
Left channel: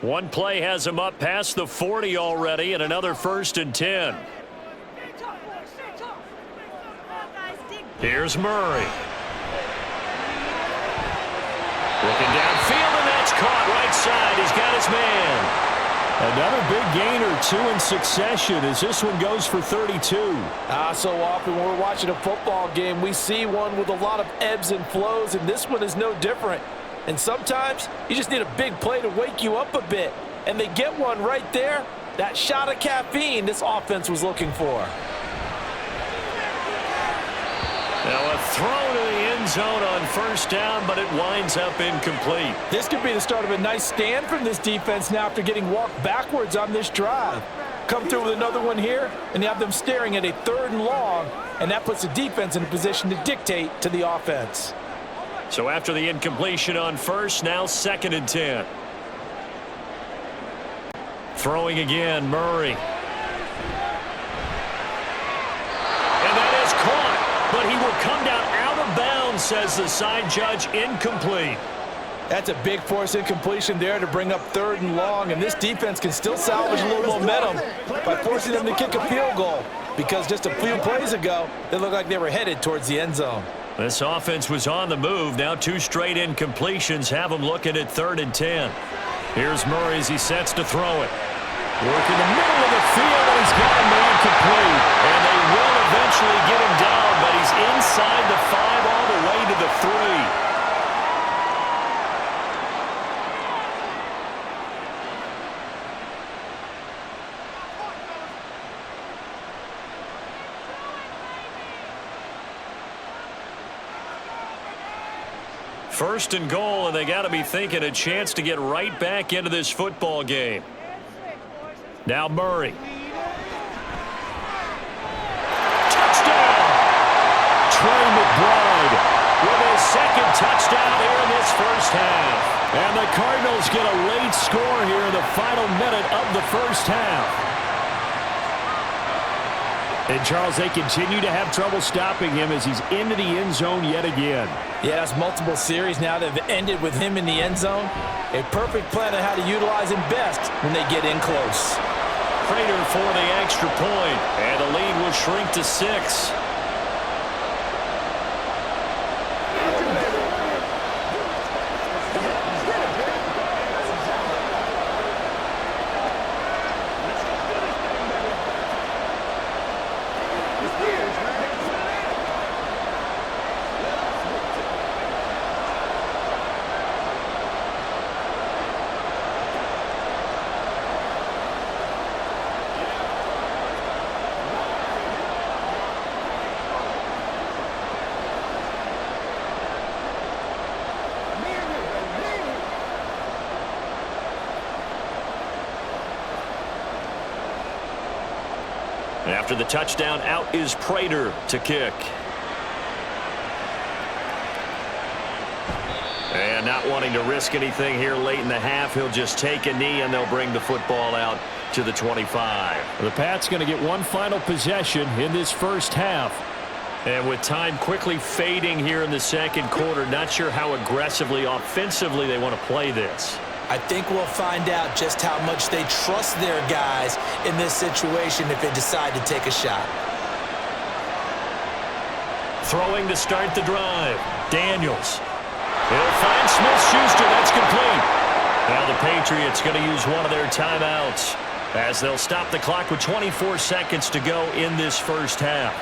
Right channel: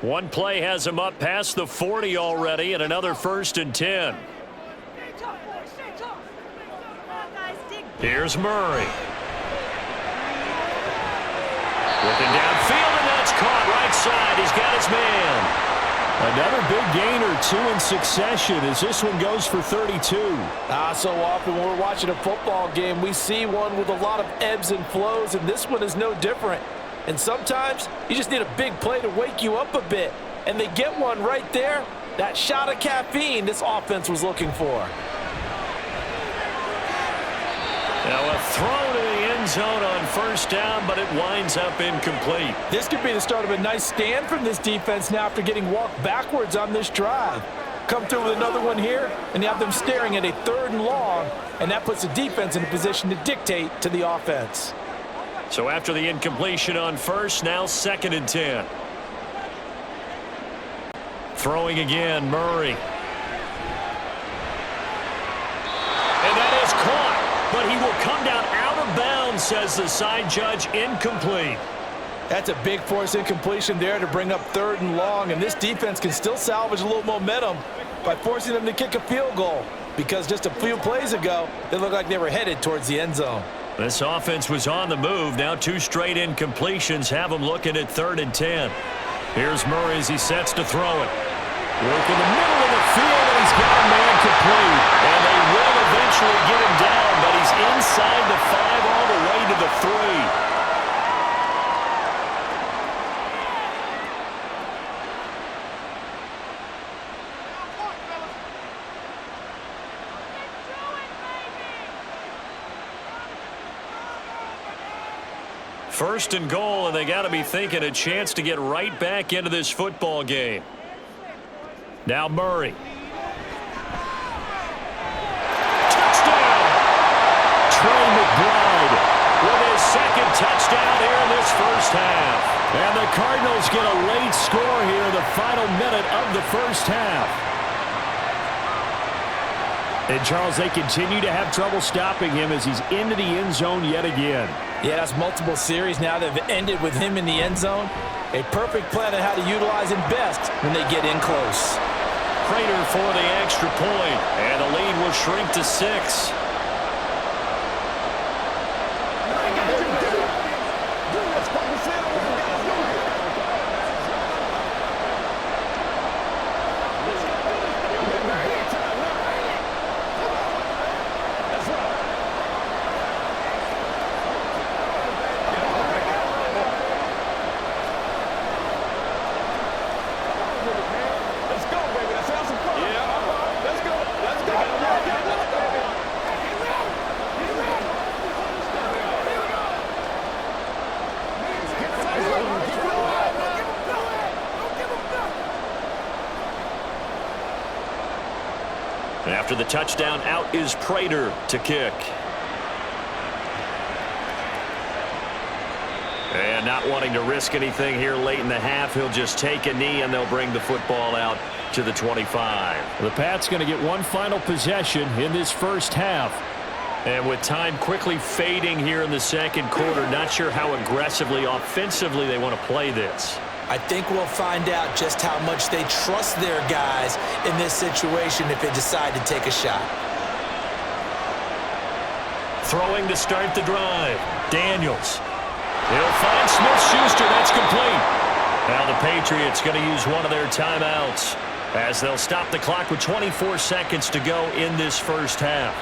One play has him up past the 40 already, and another 1st and 10. Here's Murray. Looking downfield, and that's caught right side. He's got his man. Another big gain or two in succession as this one goes for 32. So often when we're watching a football game, we see one with a lot of ebbs and flows, and this one is no different. And sometimes you just need a big play to wake you up a bit. And they get one right there. That shot of caffeine this offense was looking for. Now a throw to the end zone on 1st down, but it winds up incomplete. This could be the start of a nice stand from this defense now after getting walked backwards on this drive. Come through with another one here, and you have them staring at a 3rd and long, and that puts the defense in a position to dictate to the offense. So after the incompletion on 1st, now 2nd and 10. Throwing again, Murray. And that is caught, but he will come down out of bounds, says the side judge, incomplete. That's a big force incompletion there to bring up 3rd and long, and this defense can still salvage a little momentum by forcing them to kick a field goal, because just a few plays ago, they looked like they were headed towards the end zone. This offense was on the move. Now 2 straight incompletions have them looking at 3rd and 10. Here's Murray as he sets to throw it. Work in the middle of the field, and he's got a man complete. And they will eventually get him down, but he's inside the 5 all the way to the 3. First and goal, and they got to be thinking a chance to get right back into this football game. Now Murray. Touchdown! Trey McBride with his 2nd touchdown here in this first half. And the Cardinals get a late score here in the final minute of the first half. And, Charles, they continue to have trouble stopping him as he's into the end zone yet again. Yeah, that's multiple series now that have ended with him in the end zone. A perfect plan on how to utilize him best when they get in close. Prater for the extra point, and the lead will shrink to 6. After the touchdown, out is Prater to kick. And not wanting to risk anything here late in the half, he'll just take a knee and they'll bring the football out to the 25. The Pats going to get one final possession in this first half. And with time quickly fading here in the second quarter, not sure how aggressively, offensively they want to play this. I think we'll find out just how much they trust their guys in this situation if they decide to take a shot. Throwing to start the drive. Daniels. He'll find Smith-Schuster. That's complete. Now the Patriots going to use one of their timeouts as they'll stop the clock with 24 seconds to go in this first half.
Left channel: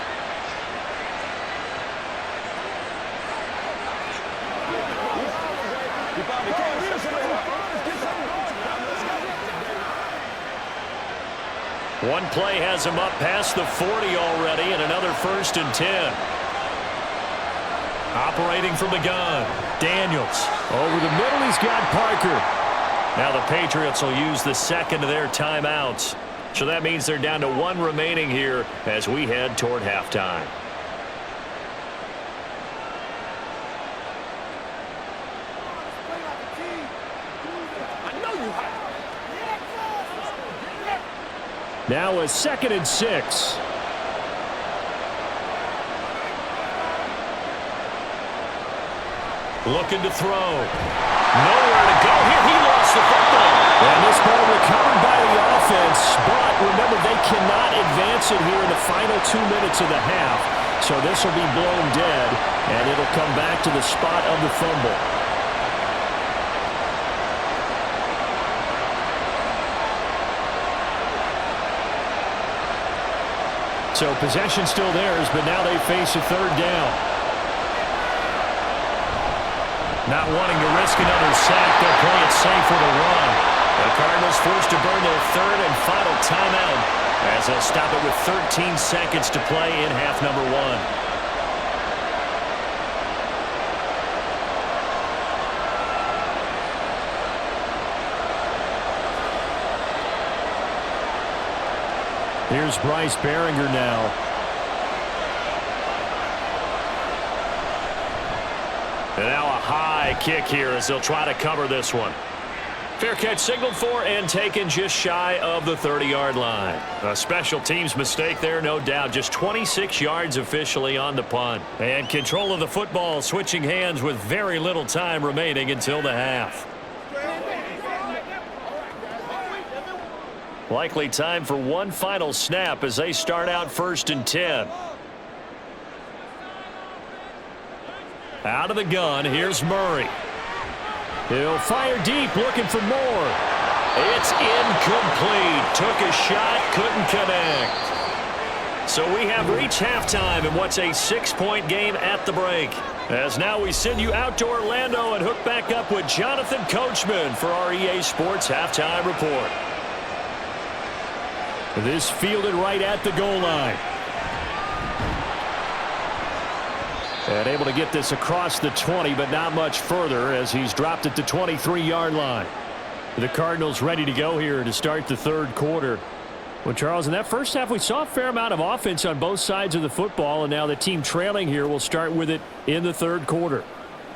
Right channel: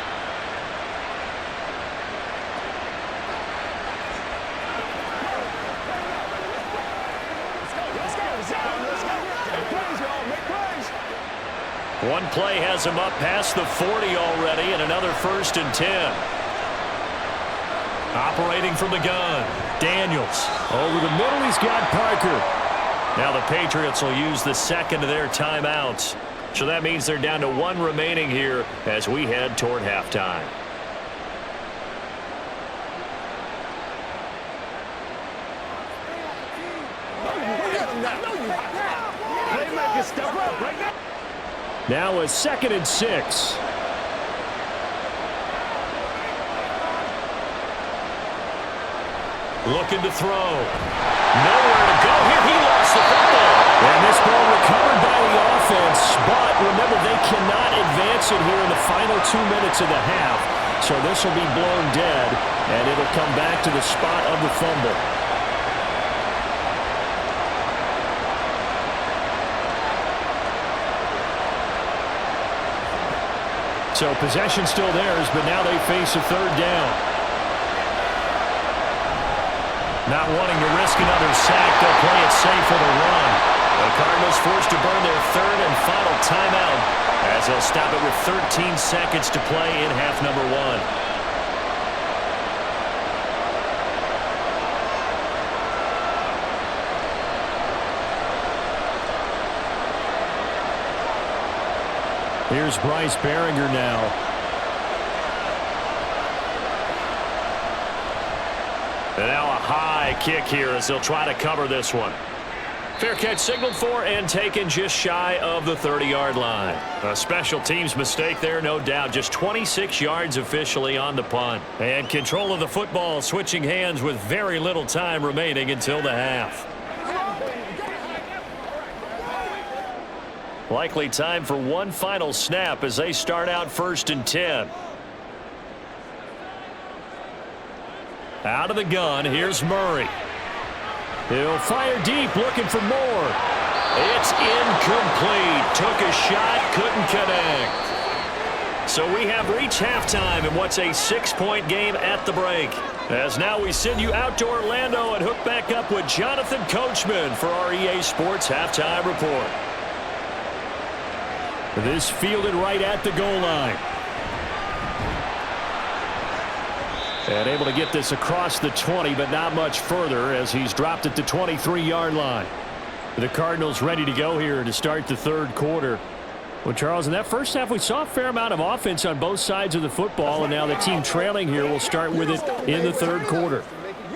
One play has him up past the 40 already, and another 1st and 10. Operating from the gun, Daniels. Over the middle, he's got Parker. Now the Patriots will use the 2nd of their timeouts. So that means they're down to 1 remaining here as we head toward halftime. Now a 2nd and 6. Looking to throw. Nowhere to go here. He lost the football. And this ball recovered by the offense. But remember, they cannot advance it here in the final 2 minutes of the half. So this will be blown dead, and it'll come back to the spot of the fumble. So possession still theirs, but now they face a 3rd down. Not wanting to risk another sack, they'll play it safe with a run. The Cardinals forced to burn their 3rd and final timeout as they'll stop it with 13 seconds to play in half number 1. Here's Bryce Behringer now. And now a high kick here as they'll try to cover this one. Fair catch signaled for and taken just shy of the 30-yard line. A special teams mistake there, no doubt. Just 26 yards officially on the punt. And control of the football switching hands with very little time remaining until the half. Likely time for one final snap as they start out 1st and 10. Out of the gun, here's Murray. He'll fire deep, looking for more. It's incomplete. Took a shot, couldn't connect. So we have reached halftime in what's a 6-point game at the break. As now we send you out to Orlando and hook back up with Jonathan Coachman for our EA Sports Halftime Report. This fielded right at the goal line. And able to get this across the 20, but not much further as he's dropped at the 23-yard line. The Cardinals ready to go here to start the third quarter. Well, Charles, in that first half, we saw a fair amount of offense on both sides of the football, and now the team trailing here will start with it in the third quarter.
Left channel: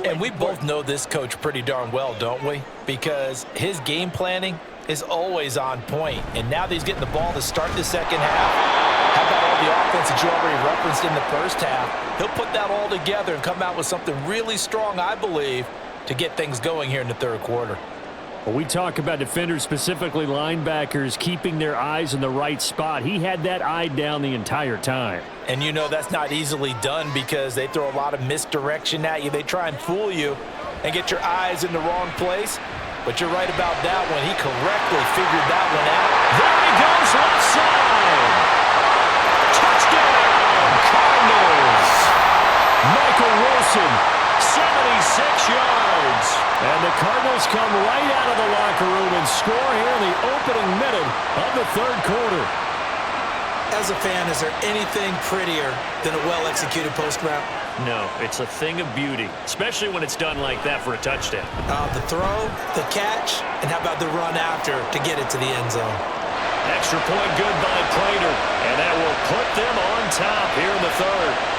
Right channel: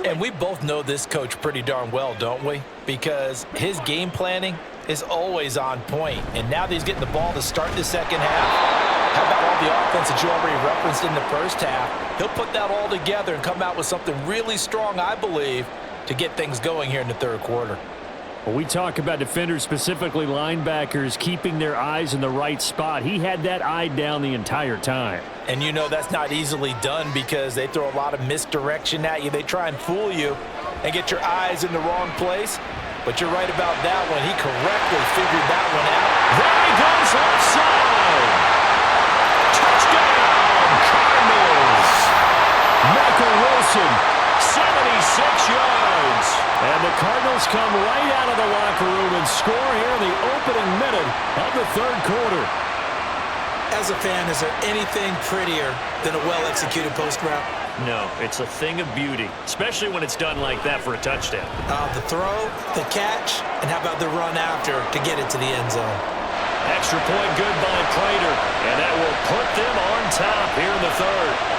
And we both know this coach pretty darn well, don't we? Because his game planning is always on point. And now that he's getting the ball to start the second half, how about all the offense that you already referenced in the first half? He'll put that all together and come out with something really strong, I believe, to get things going here in the third quarter. Well, we talk about defenders, specifically linebackers, keeping their eyes in the right spot. He had that eye down the entire time. And you know that's not easily done because they throw a lot of misdirection at you. They try and fool you and get your eyes in the wrong place. But you're right about that one. He correctly figured that one out. There he goes, left side. Touchdown, Cardinals. Michael Wilson, 76 yards. And the Cardinals come right out of the locker room and score here in the opening minute of the third quarter. As a fan, is there anything prettier than a well-executed post route? No, it's a thing of beauty, especially when it's done like that for a touchdown. The throw, the catch, and how about the run after to get it to the end zone? Extra point good by Prater, and that will put them on top here in the third.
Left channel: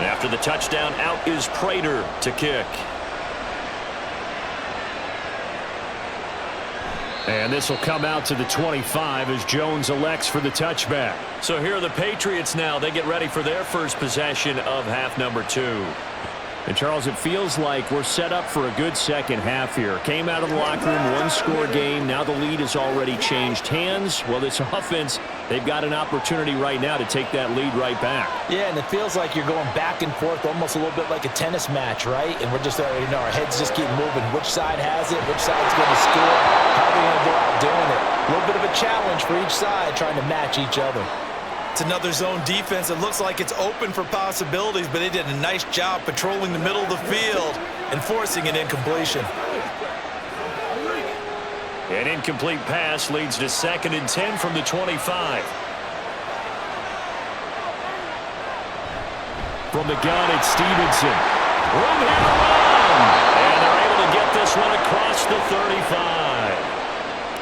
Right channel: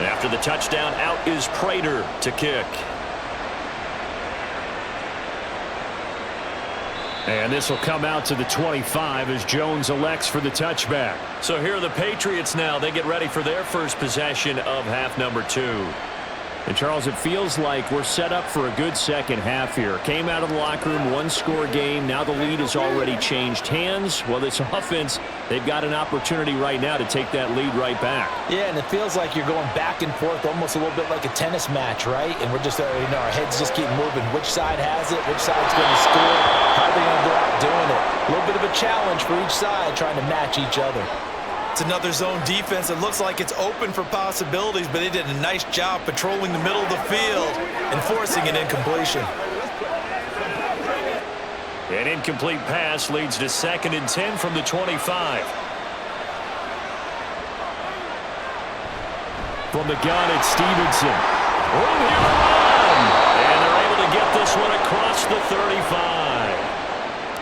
After the touchdown, out is Prater to kick. And this will come out to the 25 as Jones elects for the touchback. So here are the Patriots now. They get ready for their first possession of half number 2. And, Charles, it feels like we're set up for a good second half here. Came out of the locker room, one-score game. Now the lead has already changed hands. Well, this offense, they've got an opportunity right now to take that lead right back. Yeah, and it feels like you're going back and forth almost a little bit like a tennis match, right? And we're just, our heads just keep moving. Which side has it? Which side's going to score? How are they going to go out doing it? A little bit of a challenge for each side trying to match each other. It's another zone defense. It looks like it's open for possibilities, but they did a nice job patrolling the middle of the field and forcing an incompletion. An incomplete pass leads to 2nd and 10 from the 25. From the gun, it's Stevenson. Room here to run. And they're able to get this one across the 35.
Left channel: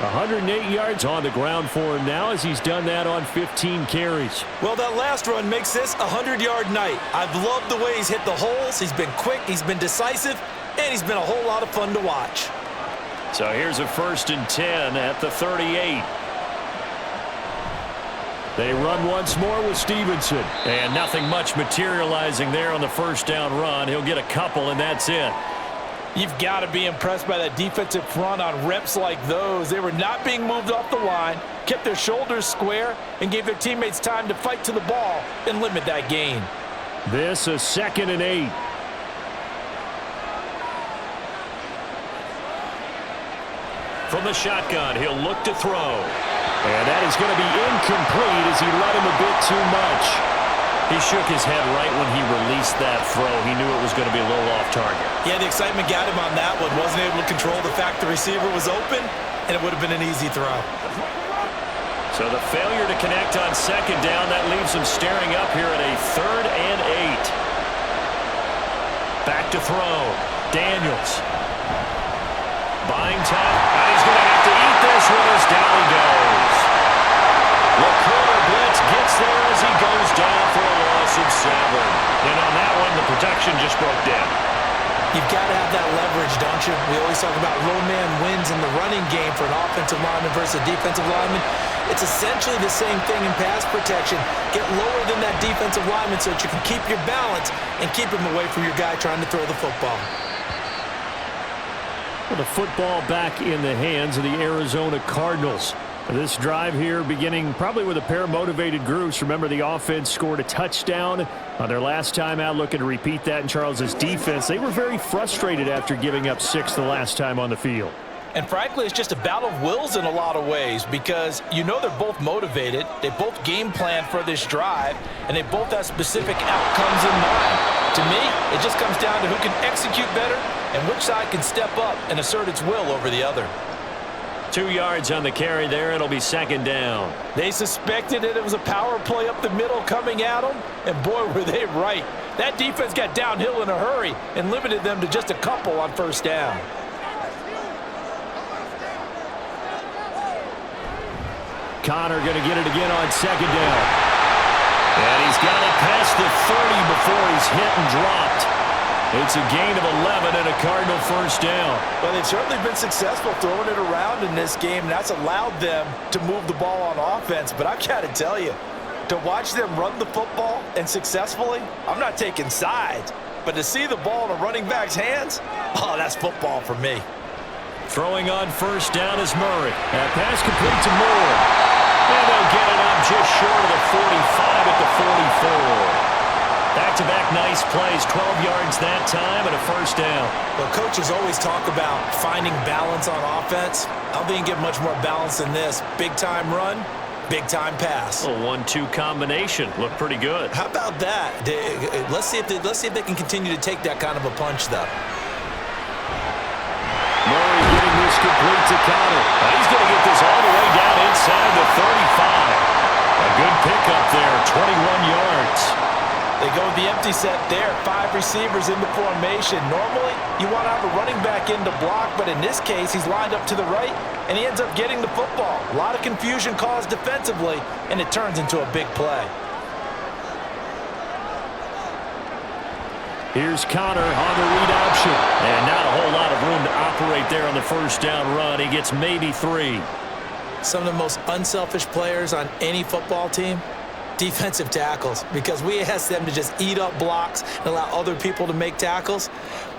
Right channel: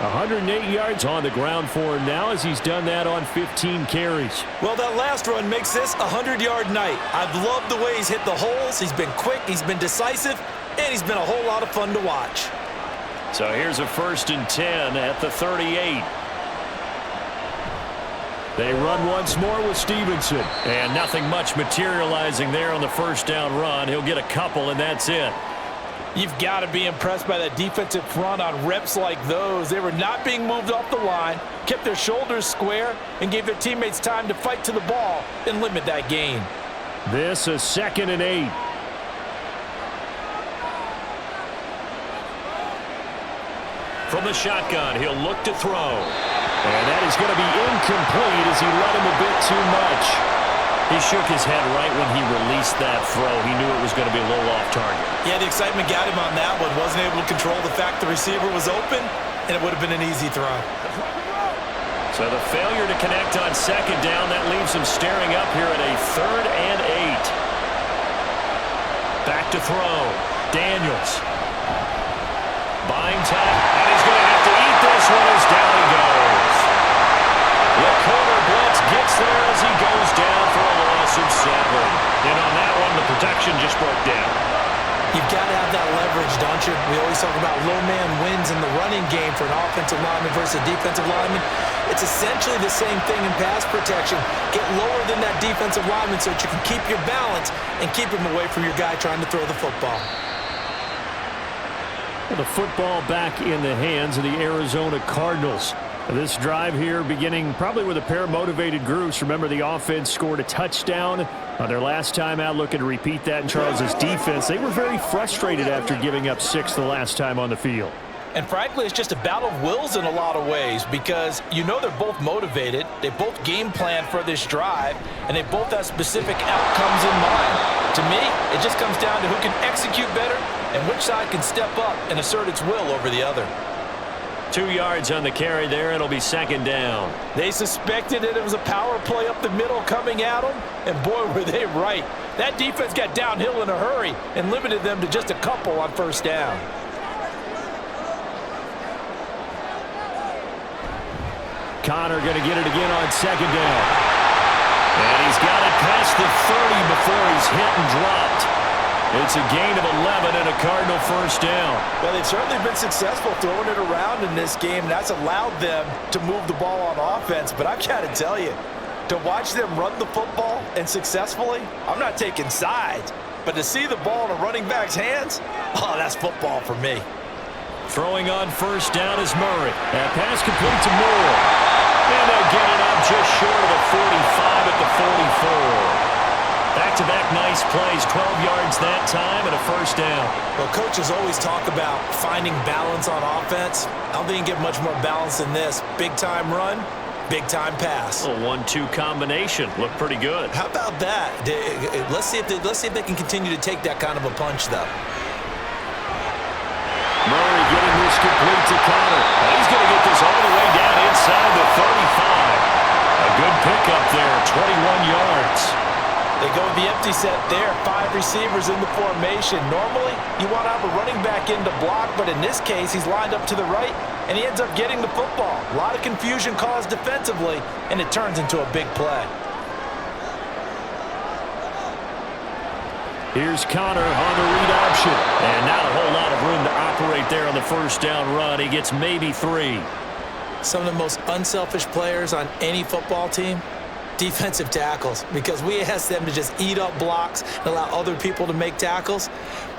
108 yards on the ground for him now as he's done that on 15 carries. Well, that last run makes this a 100-yard night. I've loved the way he's hit the holes. He's been quick, he's been decisive, and he's been a whole lot of fun to watch. So here's a 1st and 10 at the 38. They run once more with Stevenson. And nothing much materializing there on the first down run. He'll get a couple, and that's it. You've got to be impressed by that defensive front on reps like those. They were not being moved off the line, kept their shoulders square, and gave their teammates time to fight to the ball and limit that gain. This is 2nd and 8. From the shotgun, he'll look to throw. And that is going to be incomplete as he led him a bit too much. He shook his head right when he released that throw. He knew it was going to be a little off target. Yeah, the excitement got him on that one. Wasn't able to control the fact the receiver was open, and it would have been an easy throw. So the failure to connect on second down, that leaves him staring up here at a 3rd and 8. Back to throw. Daniels. Buying time, and he's going to have to eat this one as down he goes. The corner blitz gets there as he goes down for a loss of 7. And on that one, the protection just broke down. You've got to have that leverage, don't you? We always talk about low man wins in the running game for an offensive lineman versus a defensive lineman. It's essentially the same thing in pass protection. Get lower than that defensive lineman so that you can keep your balance and keep him away from your guy trying to throw the football. The football back in the hands of the Arizona Cardinals. This drive here beginning probably with a pair of motivated groups. Remember, the offense scored a touchdown on their last time out, looking to repeat that in Charles's defense. They were very frustrated after giving up 6 the last time on the field. And frankly, it's just a battle of wills in a lot of ways because you know they're both motivated. They both game plan for this drive, and they both have specific outcomes in mind. To me, it just comes down to who can execute better and which side can step up and assert its will over the other. 2 yards on the carry there. It'll be second down. They suspected it was a power play up the middle coming at them, and boy, were they right. That defense got downhill in a hurry and limited them to just a couple on first down. Connor going to get it again on second down. And he's got it past the 30 before he's hit and dropped. It's a gain of 11 and a Cardinal first down. Well, they've certainly been successful throwing it around in this game, and that's allowed them to move the ball on offense. But I've got to tell you, to watch them run the football and successfully, I'm not taking sides, but to see the ball in a running back's hands, oh, that's football for me. Throwing on first down is Murray. That pass complete to Moore. And they'll get it up just short of the 45 at the 44. Back-to-back nice plays, 12 yards that time and a first down. Well, coaches always talk about finding balance on offense. I don't think you can get much more balance than this. Big-time run, big-time pass. A 1-2 combination. Looked pretty good. How about that? Let's see if they can continue to take that kind of a punch, though. Murray getting this complete to Connor. He's going to get this all the way down inside the 35. A good pickup there, 21 yards. They go with the empty set there, 5 receivers in the formation. Normally, you want to have a running back in to block, but in this case, he's lined up to the right, and he ends up getting the football. A lot of confusion caused defensively, and it turns into a big play. Here's Connor on the read option. And not a whole lot of room to operate there on the first down run. He gets maybe 3. Some of the most unselfish players on any football team, defensive tackles, because we ask them to just eat up blocks and allow other people to make tackles.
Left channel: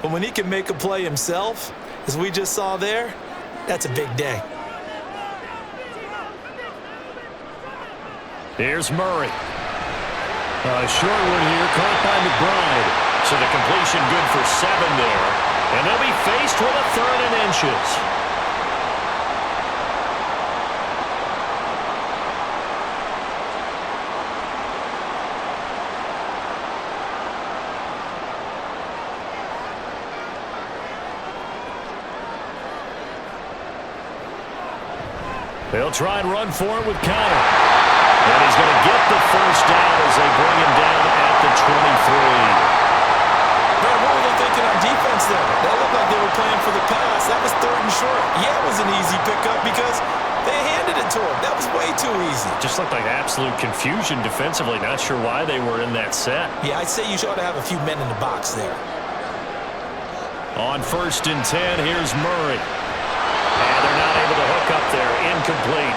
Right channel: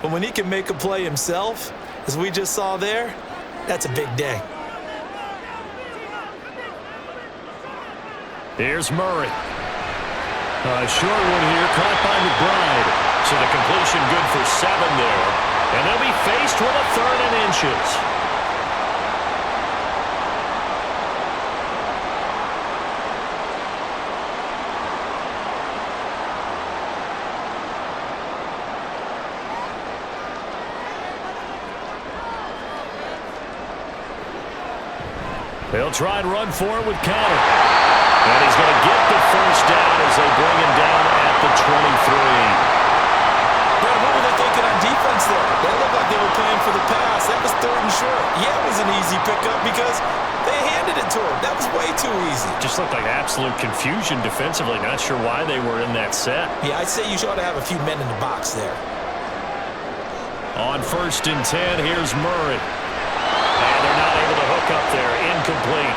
But when he can make a play himself, as we just saw there, that's a big day. Here's Murray. A short one here, caught by McBride. So the completion good for 7 there. And they'll be faced with a 3rd and inches. They'll try and run for it with Connor. And he's going to get the first down as they bring him down at the 23. Brad, what were they thinking on defense there? That looked like they were playing for the pass. That was 3rd and short. Yeah, it was an easy pickup because they handed it to him. That was way too easy. Just looked like absolute confusion defensively. Not sure why they were in that set. Yeah, I'd say you ought to have a few men in the box there. On 1st and 10, here's Murray. And they're not able to hook up there. Incomplete.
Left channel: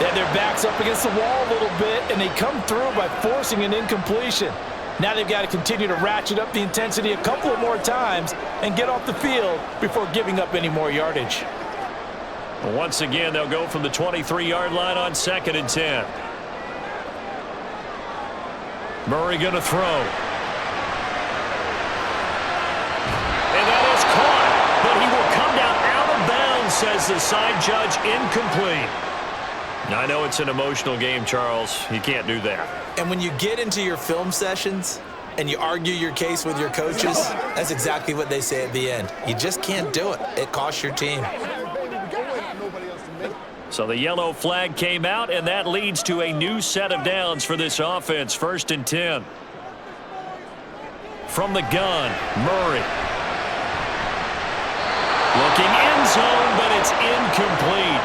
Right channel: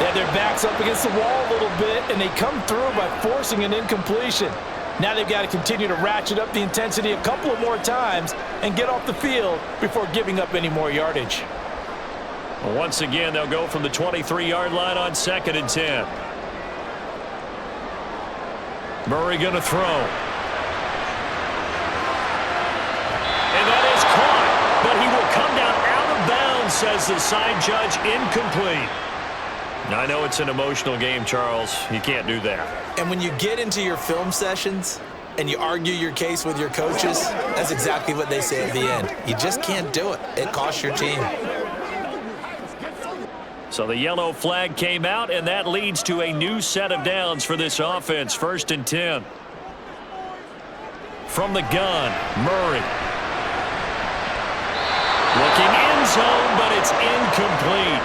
They had their backs up against the wall a little bit, and they come through by forcing an incompletion. Now they've got to continue to ratchet up the intensity a couple of more times and get off the field before giving up any more yardage. Once again, they'll go from the 23-yard line on 2nd and 10. Murray going to throw. And that is caught, but he will come down out of bounds says the side judge incomplete. I know it's an emotional game, Charles. You can't do that. And when you get into your film sessions and you argue your case with your coaches, that's exactly what they say at the end. You just can't do it. It costs your team. So the yellow flag came out, and that leads to a new set of downs for this offense. 1st and 10. From the gun, Murray. Looking end zone, but it's incomplete.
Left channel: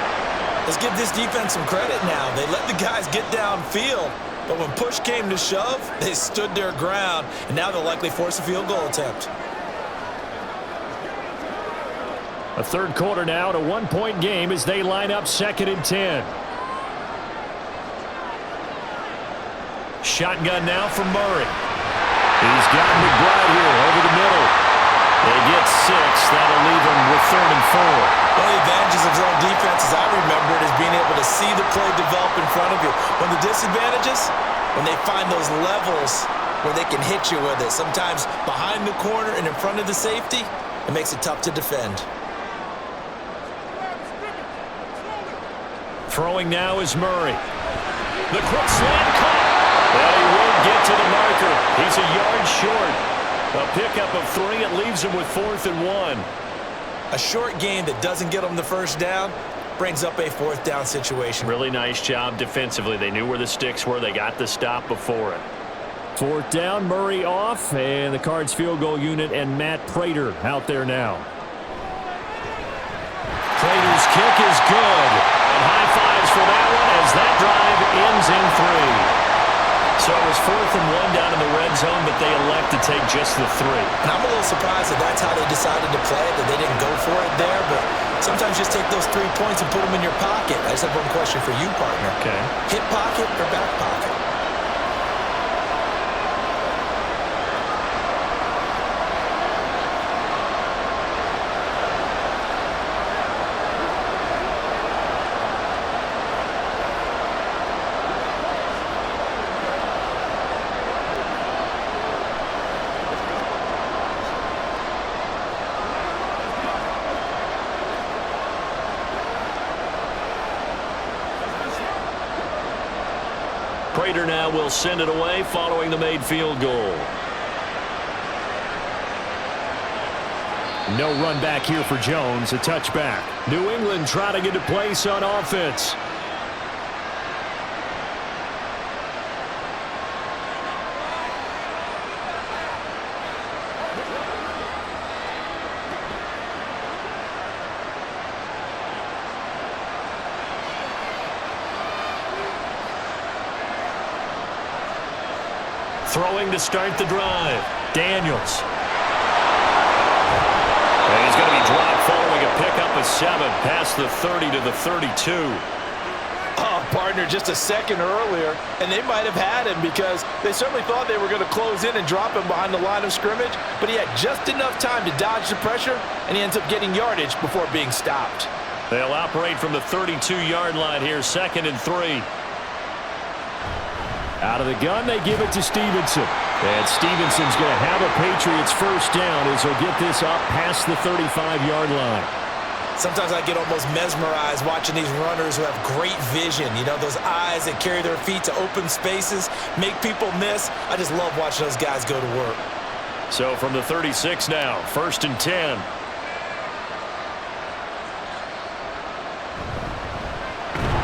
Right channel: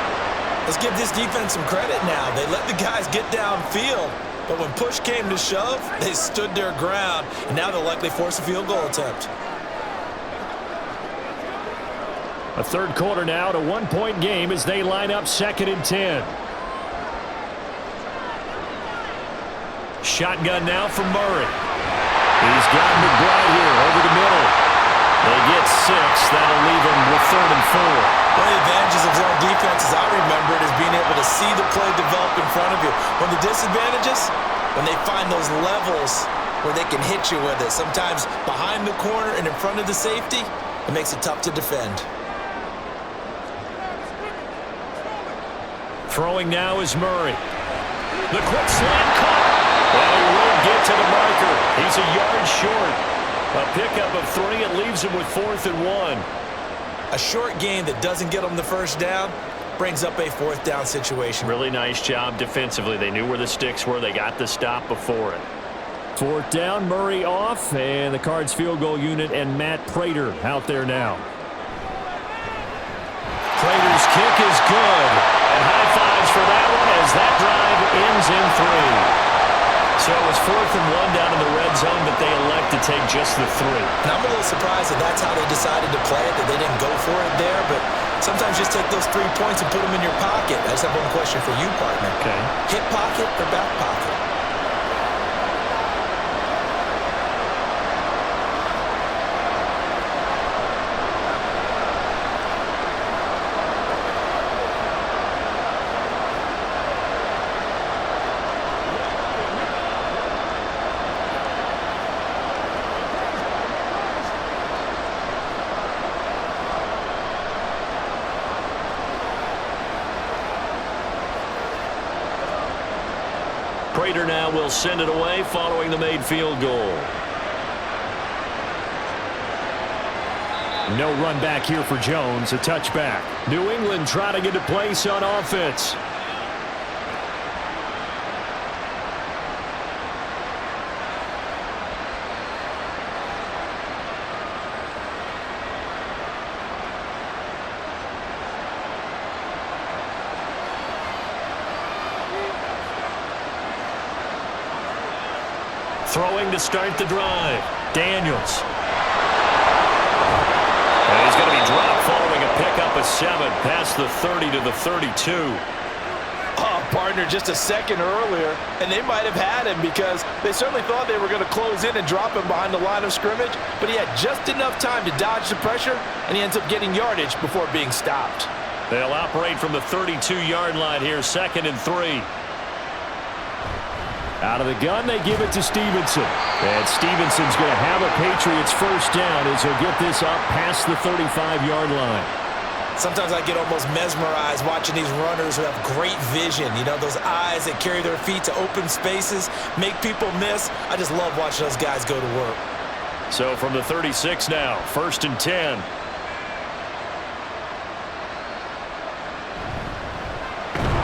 Let's give this defense some credit now. They let the guys get downfield, but when push came to shove, they stood their ground, and now they'll likely force a field goal attempt. A third quarter now, at a one-point game as they line up 2nd and 10. Shotgun now from Murray. He's got McBride here over the middle. They get 6. That'll leave them with 3rd and 4. One of the advantages of zone defense, as I remember it, is being able to see the play develop in front of you. One of the disadvantages, when they find those levels where they can hit you with it, sometimes behind the corner and in front of the safety, it makes it tough to defend. Throwing now is Murray. The quick slant caught. And he won't get to the marker. He's a yard short. A pickup of 3. It leaves him with 4th and 1. A short gain that doesn't get them the first down brings up a 4th down situation. Really nice job defensively. They knew where the sticks were. They got the stop before it. 4th down, Murray off, and the Cards field goal unit and Matt Prater out there now. Prater's kick is good. And high fives for that one as that drive ends in 3. So it was 4th and 1 down in the red zone, but they elect to take just the 3. And I'm a little surprised that that's how they decided to play it, that they didn't go for it there. But sometimes just take those 3 points and put them in your pocket. I just have one question for you, partner. Okay. Hip pocket or back pocket? Prater now will send it away following the made field goal. No run back here for Jones. A touchback. New England trying to get into place on offense. Throwing to start the drive. Daniels. And he's going to be dropped following a pickup of 7 past the 30 to the 32. Oh, partner, just a second earlier, and they might have had him because they certainly thought they were going to close in and drop him behind the line of scrimmage, but he had just enough time to dodge the pressure, and he ends up getting yardage before being stopped. They'll operate from the 32-yard line here, 2nd and 3. Out of the gun, they give it to Stevenson. And Stevenson's going to have a Patriots first down as he'll get this up past the 35-yard line. Sometimes I get almost mesmerized watching these runners who have great vision. You know, those eyes that carry their feet to open spaces, make people miss. I just love watching those guys go to work. So from the 36 now, 1st and 10.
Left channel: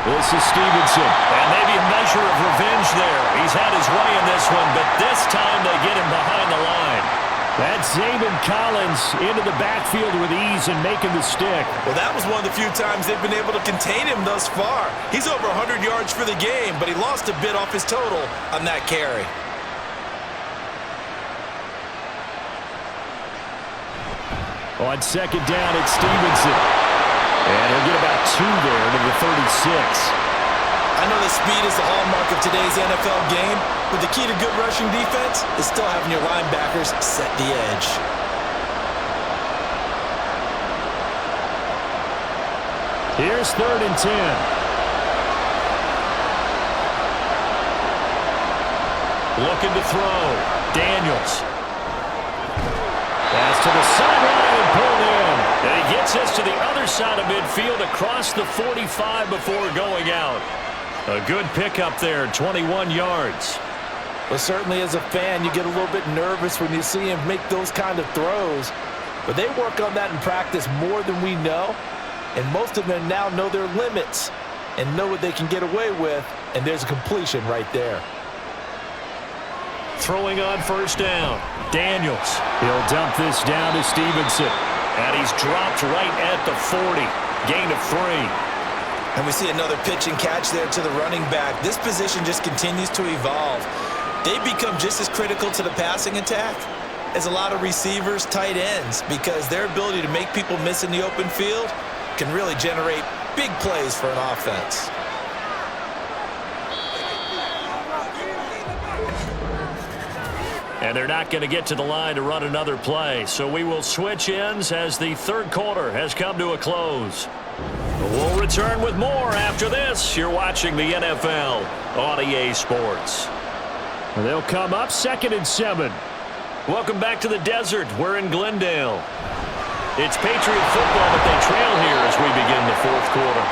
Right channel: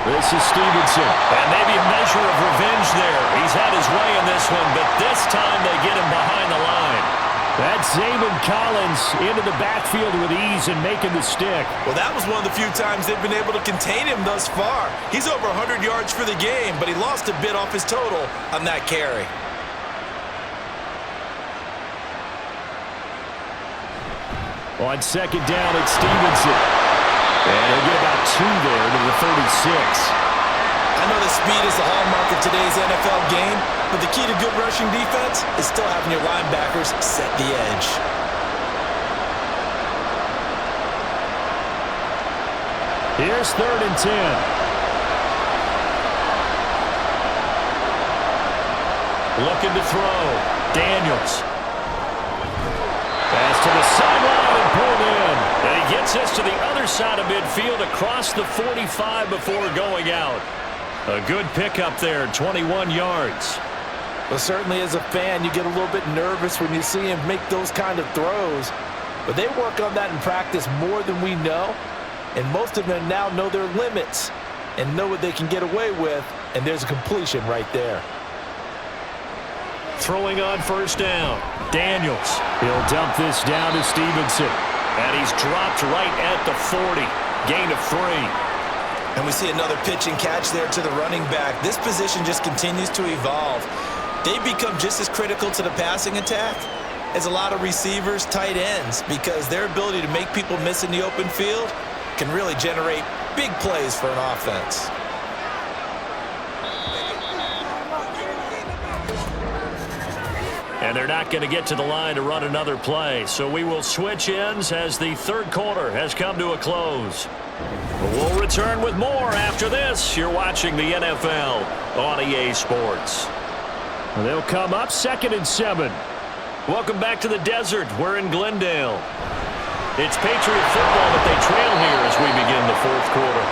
This is Stevenson, and maybe a measure of revenge there. He's had his way in this one, but this time they get him behind the line. That's Zayden Collins into the backfield with ease and making the stick. Well, that was one of the few times they've been able to contain him thus far. He's over 100 yards for the game, but he lost a bit off his total on that carry. On 2nd down, it's Stevenson. And he'll get about 2 there to the 36. I know that speed is the hallmark of today's NFL game, but the key to good rushing defense is still having your linebackers set the edge. Here's 3rd and 10. Looking to throw. Daniels. Pass to the sideline and pulled in. And he gets us to the other side of midfield across the 45 before going out. A good pickup there, 21 yards. Well, certainly as a fan, you get a little bit nervous when you see him make those kind of throws. But they work on that in practice more than we know. And most of them now know their limits and know what they can get away with. And there's a completion right there. Throwing on first down. Daniels. He'll dump this down to Stevenson. And he's dropped right at the 40. Gain of 3. And we see another pitch and catch there to the running back. This position just continues to evolve. They become just as critical to the passing attack as a lot of receivers, tight ends, because their ability to make people miss in the open field can really generate big plays for an offense. And they're not going to get to the line to run another play. So we will switch ends as the third quarter has come to a close. We'll return with more after this. You're watching the NFL on EA Sports. They'll come up 2nd and 7. Welcome back to the desert. We're in Glendale. It's Patriot football, but they trail here as we begin the fourth quarter.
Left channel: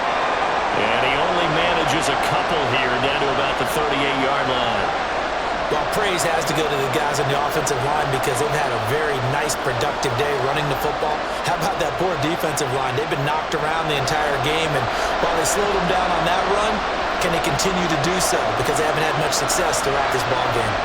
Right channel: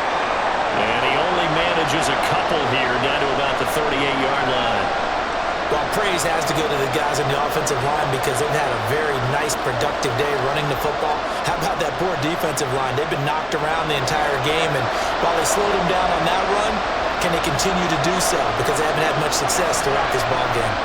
And he only manages a couple here down to about the 38-yard line. Well, praise has to go to the guys on the offensive line because they've had a very nice, productive day running the football. How about that poor defensive line? They've been knocked around the entire game, and while they slowed them down on that run, can they continue to do so? Because they haven't had much success throughout this ball game.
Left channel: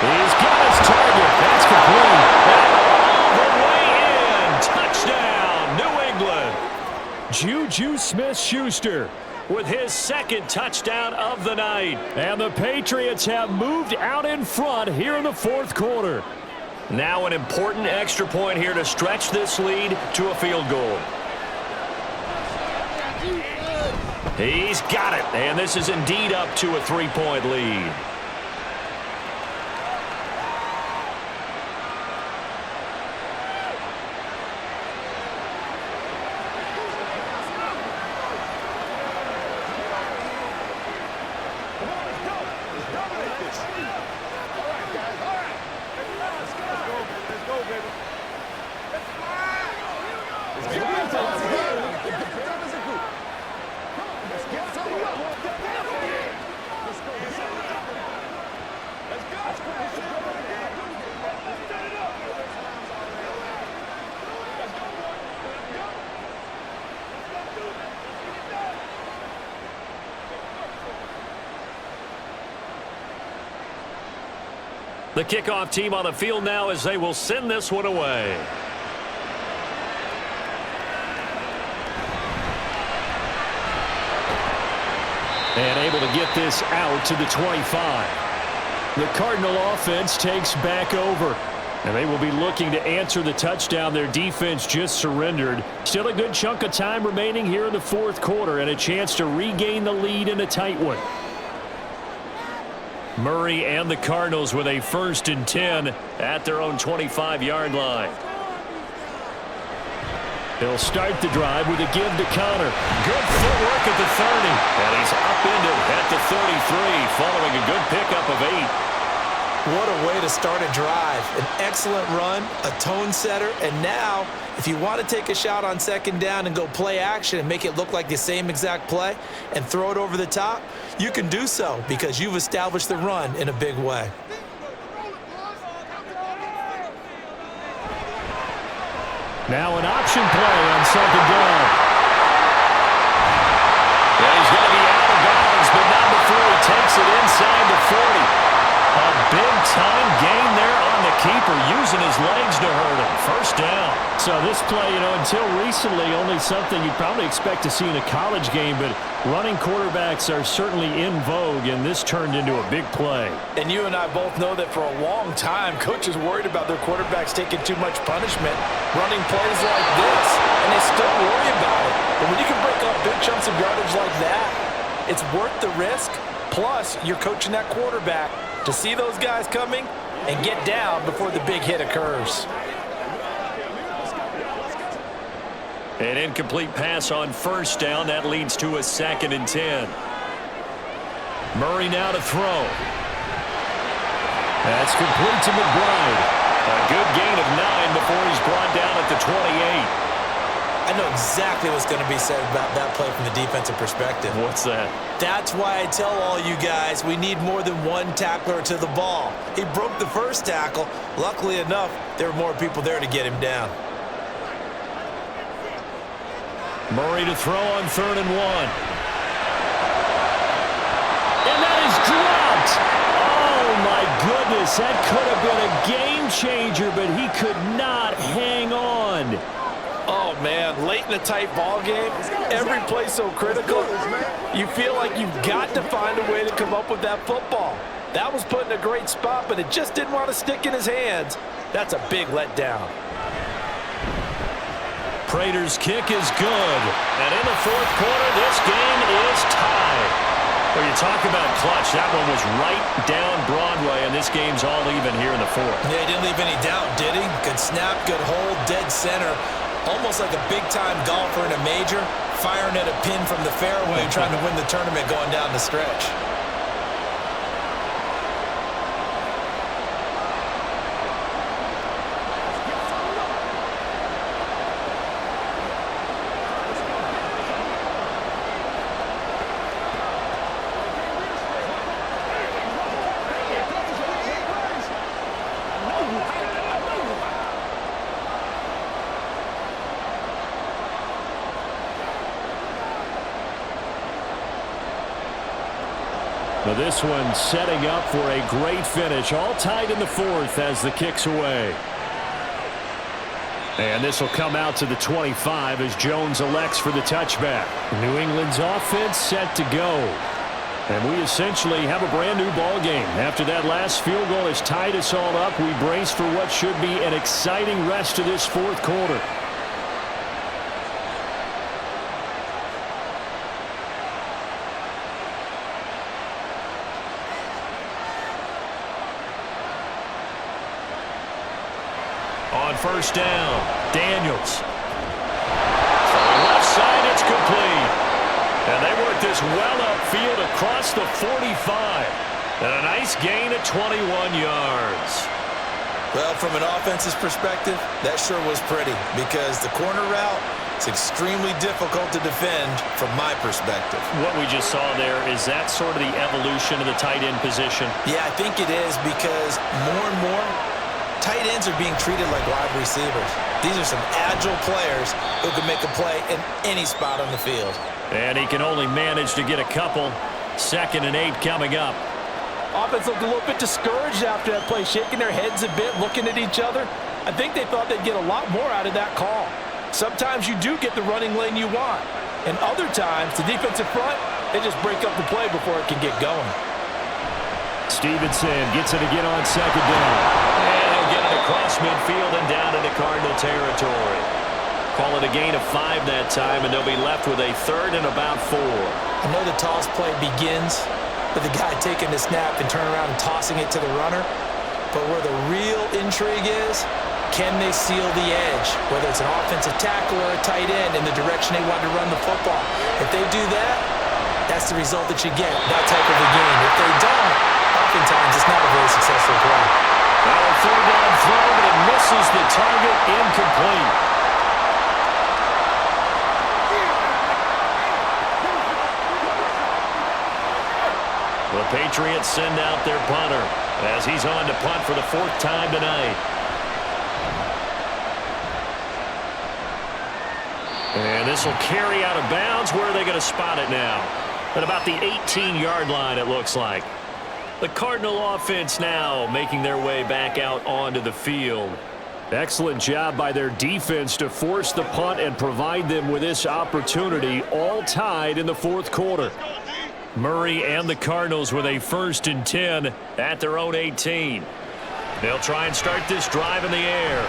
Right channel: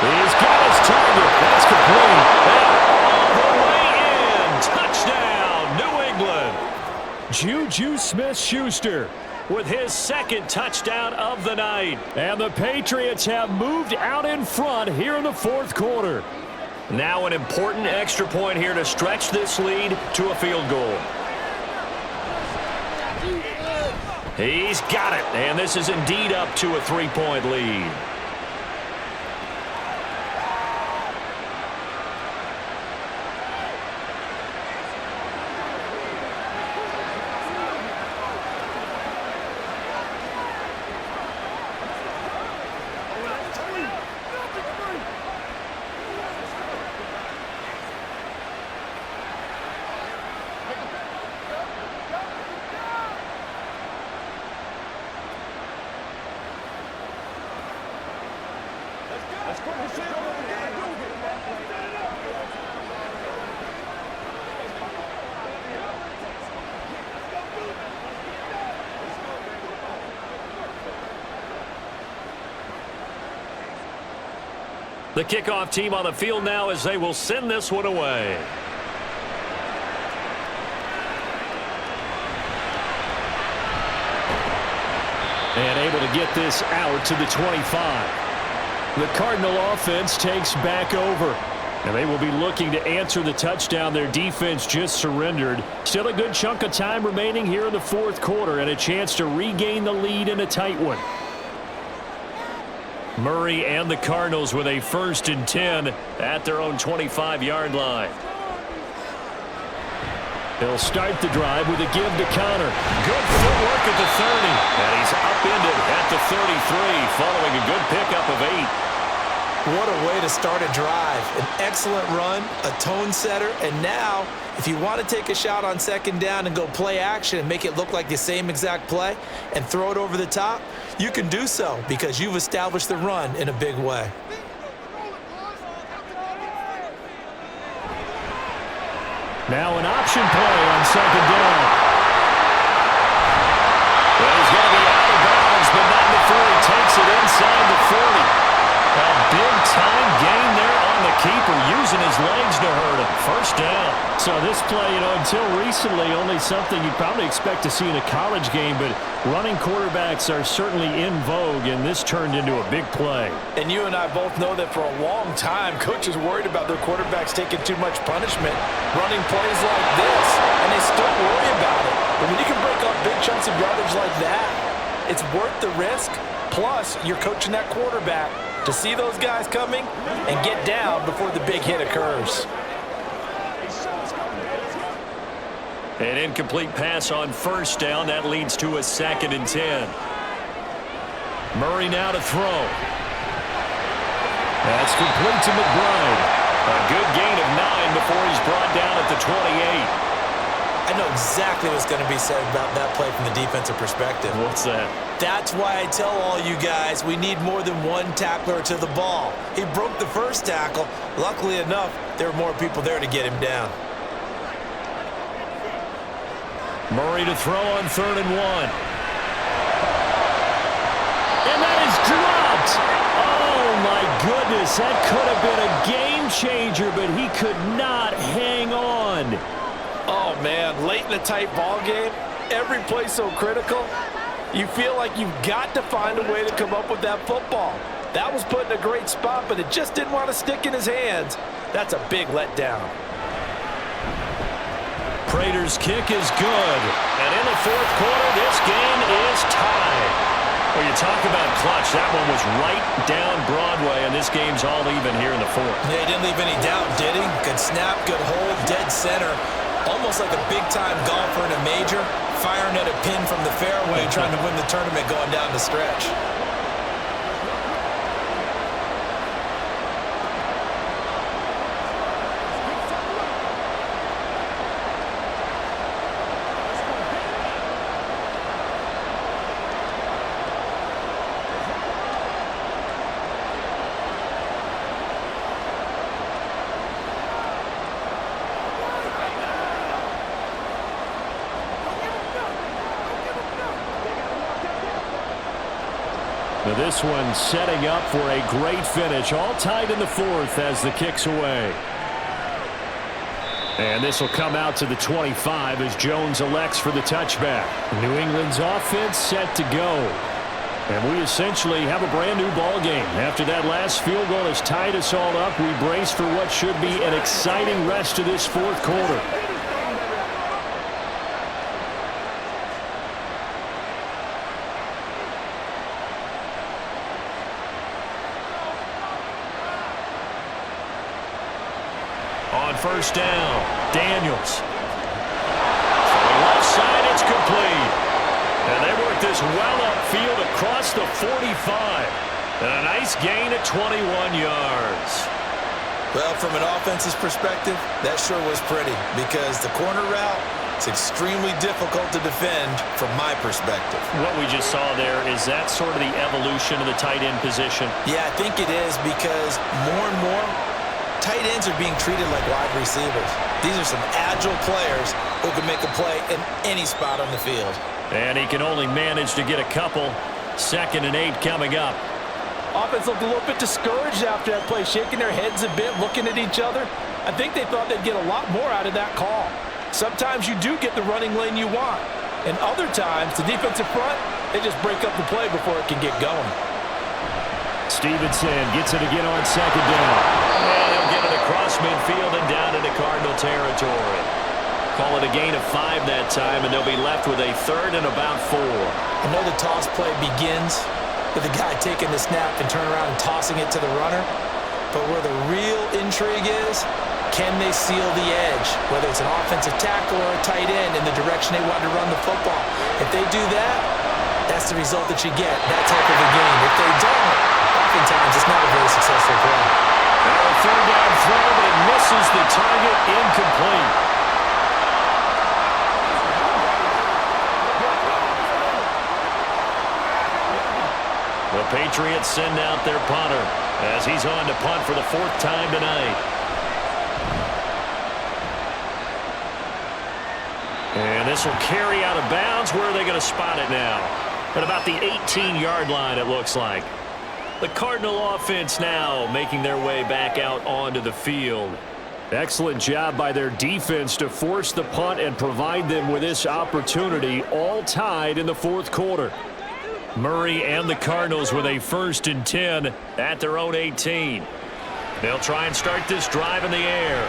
He's got his target. That's complete. And all the way in. Touchdown, New England. Juju Smith-Schuster with his second touchdown of the night. And the Patriots have moved out in front here in the fourth quarter. Now an important extra point here to stretch this lead to a field goal. He's got it, and this is indeed up to a 3-point lead. The kickoff team on the field now as they will send this one away. And able to get this out to the 25. The Cardinal offense takes back over. And they will be looking to answer the touchdown their defense just surrendered. Still a good chunk of time remaining here in the fourth quarter and a chance to regain the lead in a tight one. Murray and the Cardinals with a 1st and 10 at their own 25-yard line. They'll start the drive with a give to Connor. Good footwork at the 30. And he's upended at the 33 following a good pickup of 8. What a way to start a drive. An excellent run, a tone setter, and now if you want to take a shot on 2nd down and go play action and make it look like the same exact play and throw it over the top, you can do so because you've established the run in a big way. Now an option play on 2nd down. Well, he's going to be out of bounds, but not before he takes it inside the 40. A big-time gain there on the keeper, using his legs to hurt him. 1st down. So this play, until recently, only something you'd probably expect to see in a college game, but running quarterbacks are certainly in vogue, and this turned into a big play. And you and I both know that for a long time, coaches worried about their quarterbacks taking too much punishment, running plays like this, and they still worry about it. But when you can break up big chunks of yardage like that, it's worth the risk. Plus, you're coaching that quarterback to see those guys coming and get down before the big hit occurs. An incomplete pass on 1st down. That leads to a 2nd and 10. Murray now to throw. That's complete to McBride. A good gain of 9 before he's brought down at the 28. I know exactly what's going to be said about that play from the defensive perspective. What's that? That's why I tell all you guys we need more than one tackler to the ball. He broke the first tackle. Luckily enough, there were more people there to get him down. Murray to throw on 3rd and 1. And that is dropped. Oh, my goodness. That could have been a game changer, but he could not hang on. Oh, man, late in a tight ball game, every play so critical, you feel like you've got to find a way to come up with that football. That was put in a great spot, but it just didn't want to stick in his hands. That's a big letdown. Prater's kick is good. And in the 4th quarter, this game is tied. Well, you talk about clutch. That one was right down Broadway, and this game's all even here in the 4th. Yeah, he didn't leave any doubt, did he? Good snap, good hold, dead center. Almost like a big-time golfer in a major, firing at a pin from the fairway, trying to win the tournament going down the stretch. Now this one setting up for a great finish. All tied in the 4th as the kick's away. And this will come out to the 25 as Jones elects for the touchback. New England's offense set to go. And we essentially have a brand new ball game. After that last field goal has tied us all up, we brace for what should be an exciting rest of this 4th quarter. On 1st down, Daniels. Throwing left side, it's complete. And they work this well upfield across the 45. And a nice gain at 21 yards. Well, from an offense's perspective, that sure was pretty because the corner route is extremely difficult to defend from my perspective. What we just saw there, is that sort of the evolution of the tight end position? Yeah, I think it is because more and more, tight ends are being treated like wide receivers. These are some agile players who can make a play in any spot on the field. And he can only manage to get a couple. 2nd and 8 coming up. Offense looked a little bit discouraged after that play, shaking their heads a bit, looking at each other. I think they thought they'd get a lot more out of that call. Sometimes you do get the running lane you want. And other times, the defensive front, they just break up the play before it can get going. Stevenson gets it again on 2nd down. And he'll get it across midfield and down into Cardinal territory. Call it a gain of 5 that time, and they'll be left with a 3rd and about 4. I know the toss play begins with the guy taking the snap and turn around and tossing it to the runner. But where the real intrigue is, can they seal the edge? Whether it's an offensive tackle or a tight end in the direction they want to run the football. If they do that, that's the result that you get, that type of a game. If they don't, oftentimes it's not a very successful play. Now a 3rd down throw, but it misses the target, incomplete. The Patriots send out their punter as he's on to punt for the 4th time tonight. And this will carry out of bounds. Where are they going to spot it now? At about the 18-yard line, it looks like. The Cardinal offense now making their way back out onto the field. Excellent job by their defense to force the punt and provide them with this opportunity, all tied in the 4th quarter. Murray and the Cardinals with a 1st and 10 at their own 18. They'll try and start this drive in the air.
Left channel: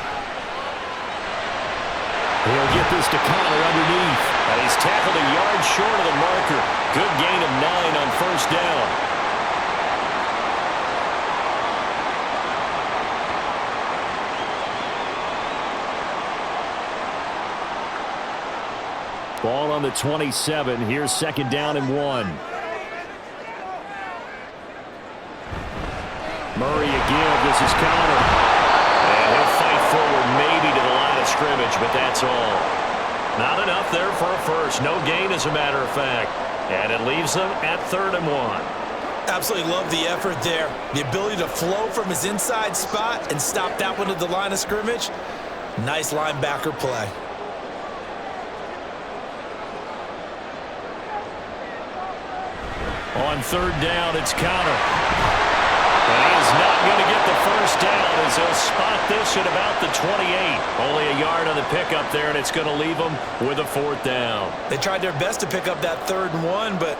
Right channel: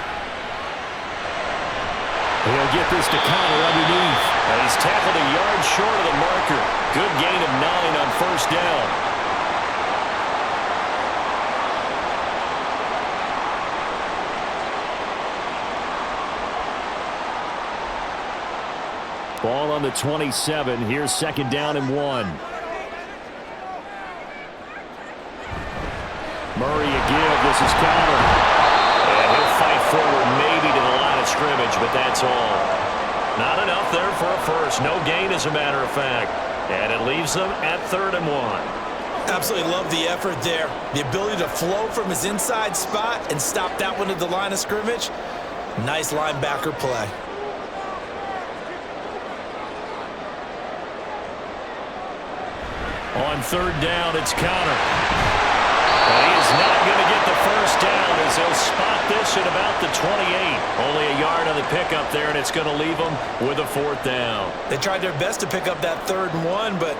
He'll get this to Connor underneath. And he's tackled a yard short of the marker. Good gain of 9 on 1st down. Ball on the 27. Here's 2nd down and 1. Murray a give. This is Connor. And fight forward maybe to the line of scrimmage, but that's all. Not enough there for a first. No gain, as a matter of fact. And it leaves them at 3rd and 1. Absolutely love the effort there. The ability to flow from his inside spot and stop that one at the line of scrimmage. Nice linebacker play. On 3rd down, it's Connor. And he is not going to get the first down as they'll spot this at about the 28. Only a yard on the pickup there, and it's going to leave them with a 4th down. They tried their best to pick up that 3rd and 1, but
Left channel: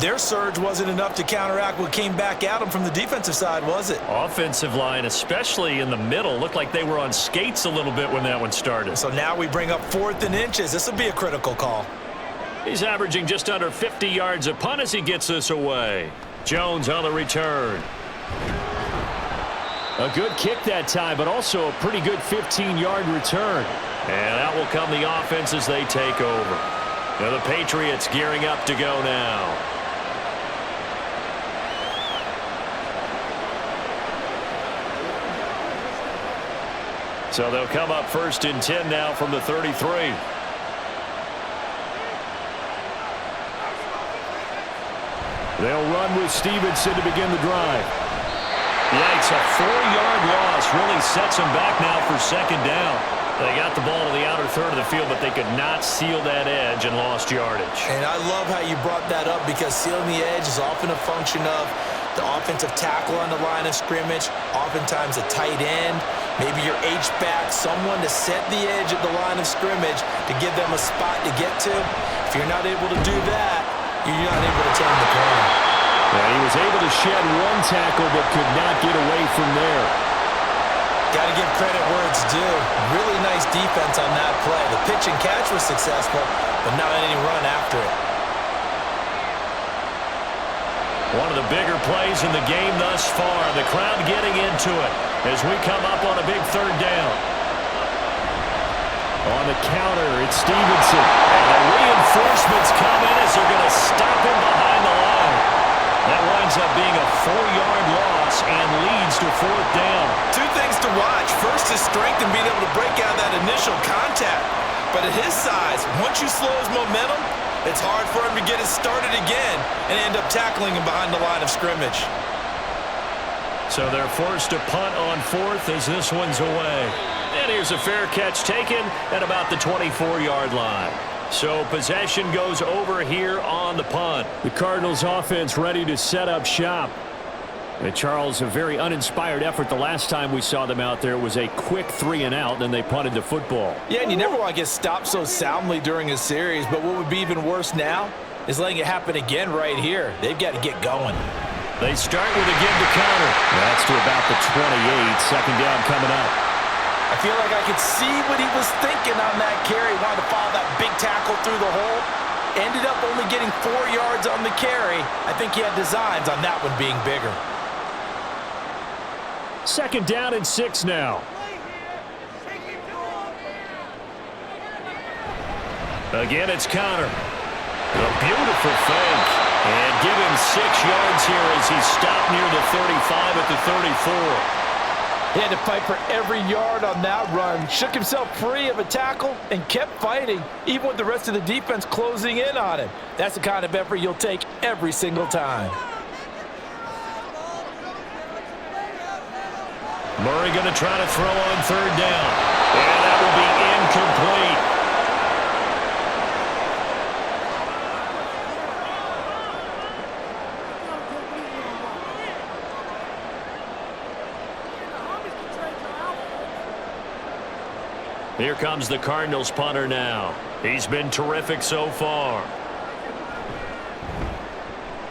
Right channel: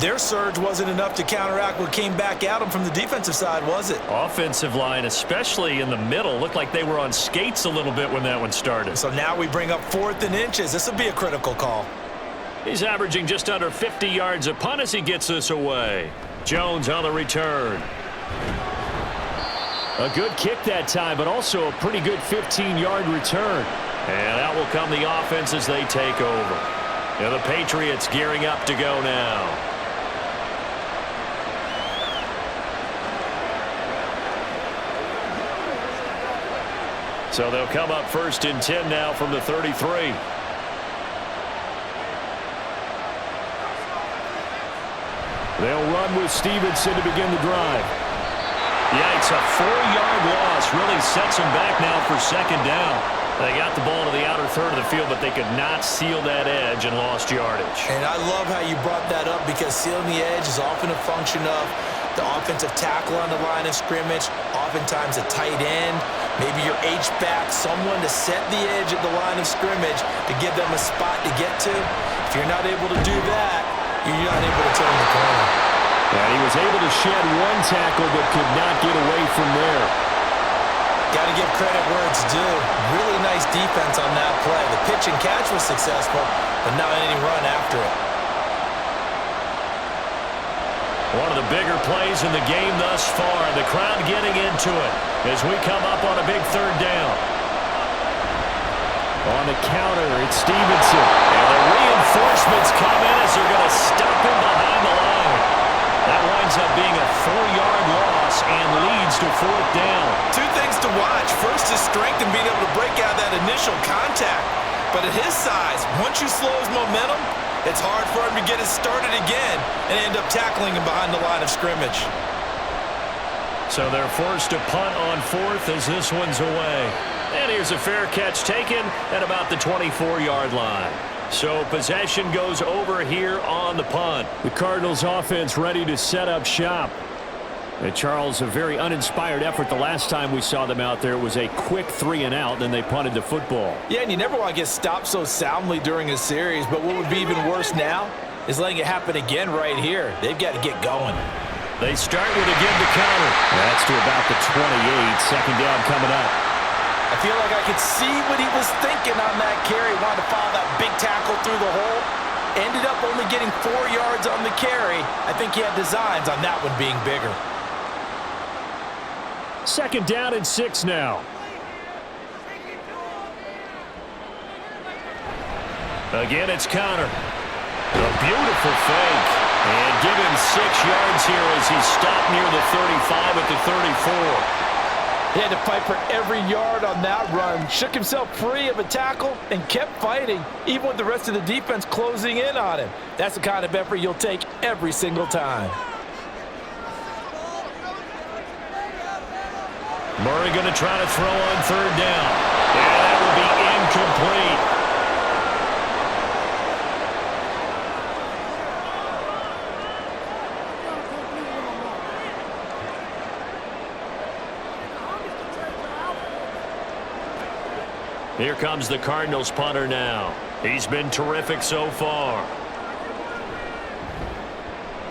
their surge wasn't enough to counteract what came back at them from the defensive side, was it? Offensive line, especially in the middle, looked like they were on skates a little bit when that one started. So now we bring up 4th and inches. This will be a critical call. He's averaging just under 50 yards a punt as he gets this away. Jones on the return. A good kick that time, but also a pretty good 15-yard return. And out will come the offense as they take over. Now the Patriots gearing up to go now. So they'll come up 1st and 10 now from the 33. They'll run with Stevenson to begin the drive. Yikes, a 4-yard loss really sets them back now for 2nd down. They got the ball to the outer third of the field, but they could not seal that edge and lost yardage. And I love how you brought that up, because sealing the edge is often a function of the offensive tackle on the line of scrimmage, oftentimes a tight end, maybe your H-back, someone to set the edge at the line of scrimmage to give them a spot to get to. If you're not able to do that, you're not able to turn the corner. And he was able to shed one tackle but could not get away from there. Got to give credit where it's due. Really nice defense on that play. The pitch and catch was successful, but not any run after it. One of the bigger plays in the game thus far. The crowd getting into it as we come up on a big 3rd down. On the counter, it's Stevenson. And the reinforcements come in as they're going to stop him behind the line. That winds up being a 4-yard loss and leads to 4th down. 2 things to watch. First, his strength and being able to break out that initial contact. But at his size, once you slow his momentum, it's hard for him to get it started again and end up tackling him behind the line of scrimmage. So they're forced to punt on 4th as this one's away. And here's a fair catch taken at about the 24-yard line. So possession goes over here on the punt. The Cardinals offense ready to set up shop. And Charles, a very uninspired effort the last time we saw them out there. It was a quick 3-and-out, then they punted the football. Yeah, and you never want to get stopped so soundly during a series, but what would be even worse now is letting it happen again right here. They've got to get going. They start with a give to counter. That's to about the 28. 2nd down coming up. I feel like I could see what he was thinking on that carry. Wanted to follow that big tackle through the hole. Ended up only getting 4 yards on the carry. I think he had designs on that one being bigger. 2nd down and 6 now. Again, it's Connor. A beautiful fake. And give him 6 yards here as he stopped near the 35 at the 34. He had to fight for every yard on that run. Shook himself free of a tackle and kept fighting, even with the rest of the defense closing in on him. That's the kind of effort you'll take every single time. Murray going to try to throw on 3rd down. And that will be incomplete. Here comes the Cardinals punter now. He's been terrific so far.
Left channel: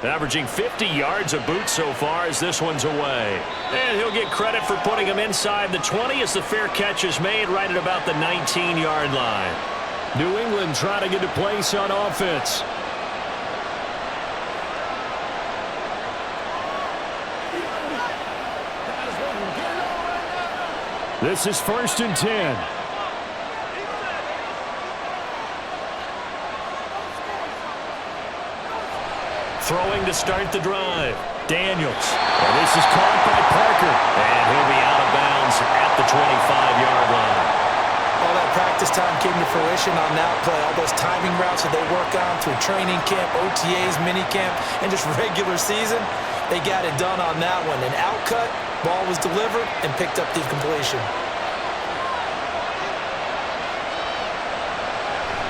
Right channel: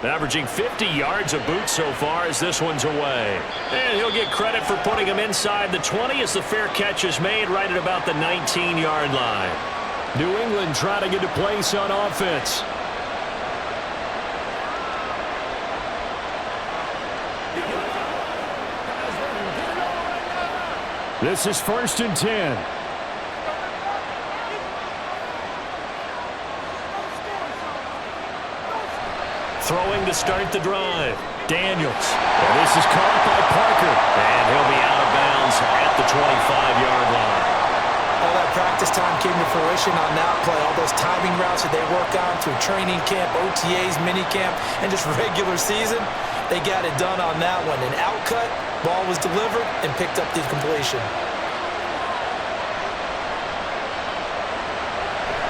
Averaging 50 yards a boot so far as this one's away. And he'll get credit for putting him inside the 20 as the fair catch is made right at about the 19-yard line. New England trying to get a place on offense. This is 1st and 10. Throwing to start the drive. Daniels. And this is caught by Parker. And he'll be out of bounds at the 25-yard line. All that practice time came to fruition on that play. All those timing routes that they work on through training camp, OTAs, minicamp, and just regular season, they got it done on that one. An outcut, ball was delivered, and picked up the completion.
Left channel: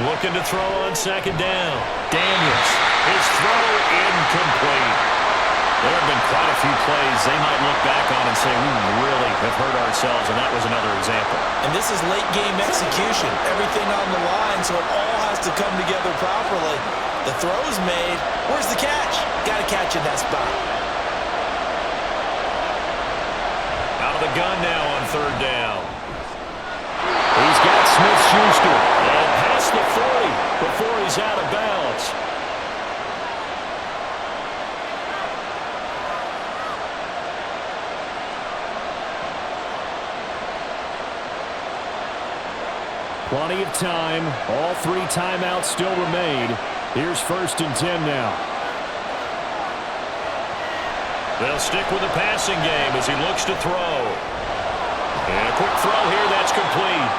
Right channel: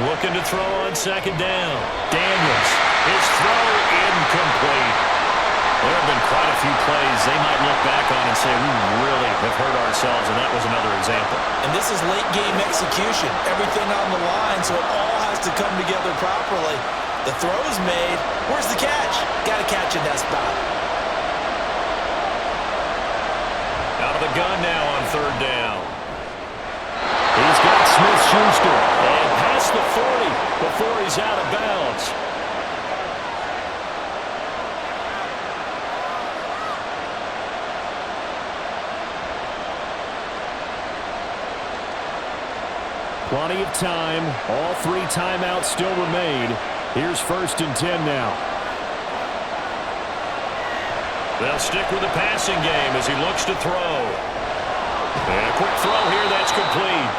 Looking to throw on second down. Daniels. His throw incomplete. There have been quite a few plays they might look back on and say, we really have hurt ourselves, and that was another example. And this is late-game execution. Everything on the line, so it all has to come together properly. The throw's made. Where's the catch? Got to catch in that spot. Out of the gun now on third down. He's got Smith-Schuster. And past the 40 before he's out of bounds. Plenty of time. All 3 timeouts still remain. Here's 1st and 10 now. They'll stick with the passing game as he looks to throw. And a quick throw here that's complete.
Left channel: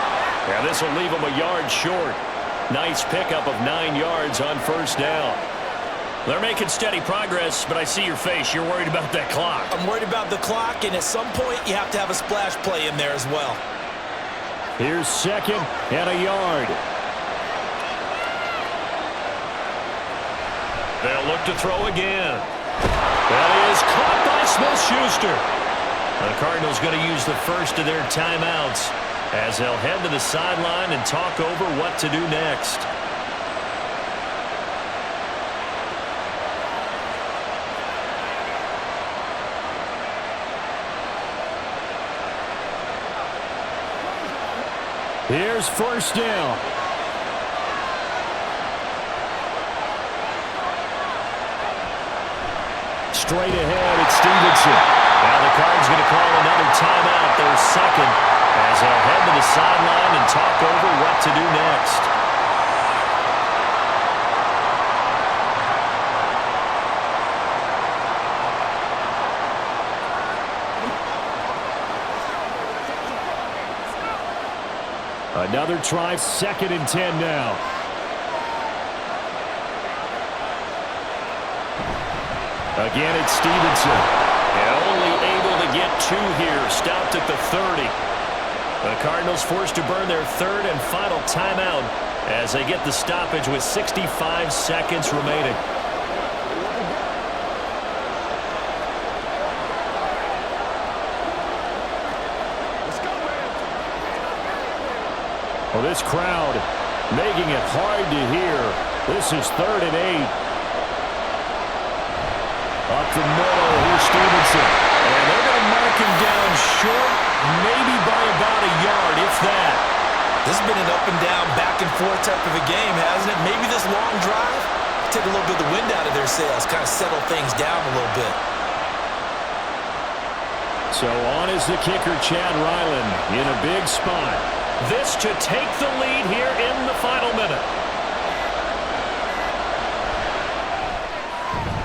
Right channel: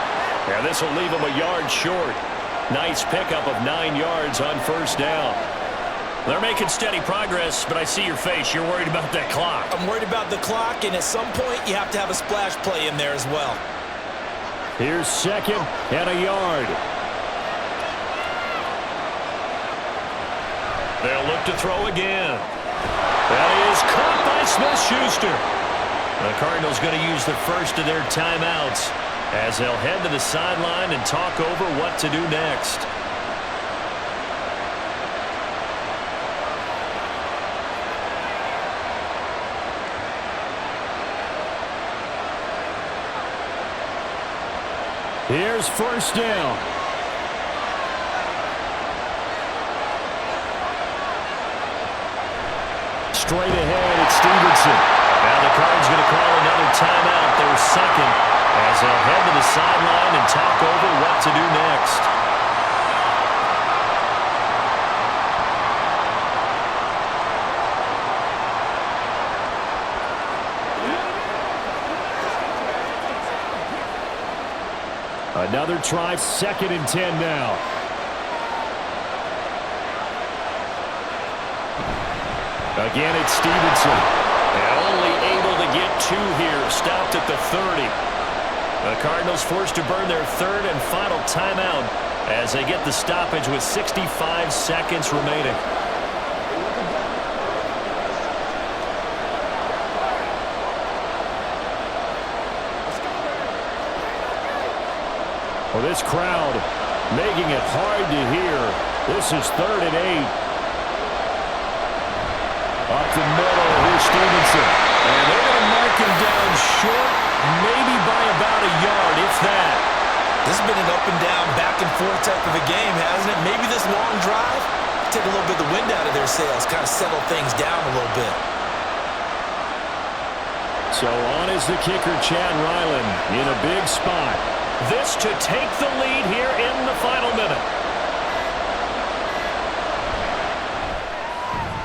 Yeah, this will leave him a yard short. Nice pickup of 9 yards on 1st down. They're making steady progress, but I see your face. You're worried about that clock. I'm worried about the clock, and at some point you have to have a splash play in there as well. Here's 2nd and a yard. They'll look to throw again. That is caught by Smith-Schuster. The Cardinals going to use the first of their timeouts as they'll head to the sideline and talk over what to do next. Here's 1st down. Straight ahead, it's Stevenson. Now the Cards going to call another timeout, their 2nd, as they'll head to the sideline and talk over what to do next. Another try, 2nd and 10 now. Again, it's Stevenson. And only able to get 2 here, stopped at the 30. The Cardinals forced to burn their 3rd and final timeout as they get the stoppage with 65 seconds remaining. Well, this crowd making it hard to hear. This is 3rd and 8. Up the middle, here's Stevenson. And they're going to mark him down short, maybe by about a yard, if that. This has been an up and down, back and forth type of a game, hasn't it? Maybe this long drive, take a little bit of the wind out of their sails, kind of settle things down a little bit. So on is the kicker, Chad Ryland, in a big spot. This to take the lead here in the final minute.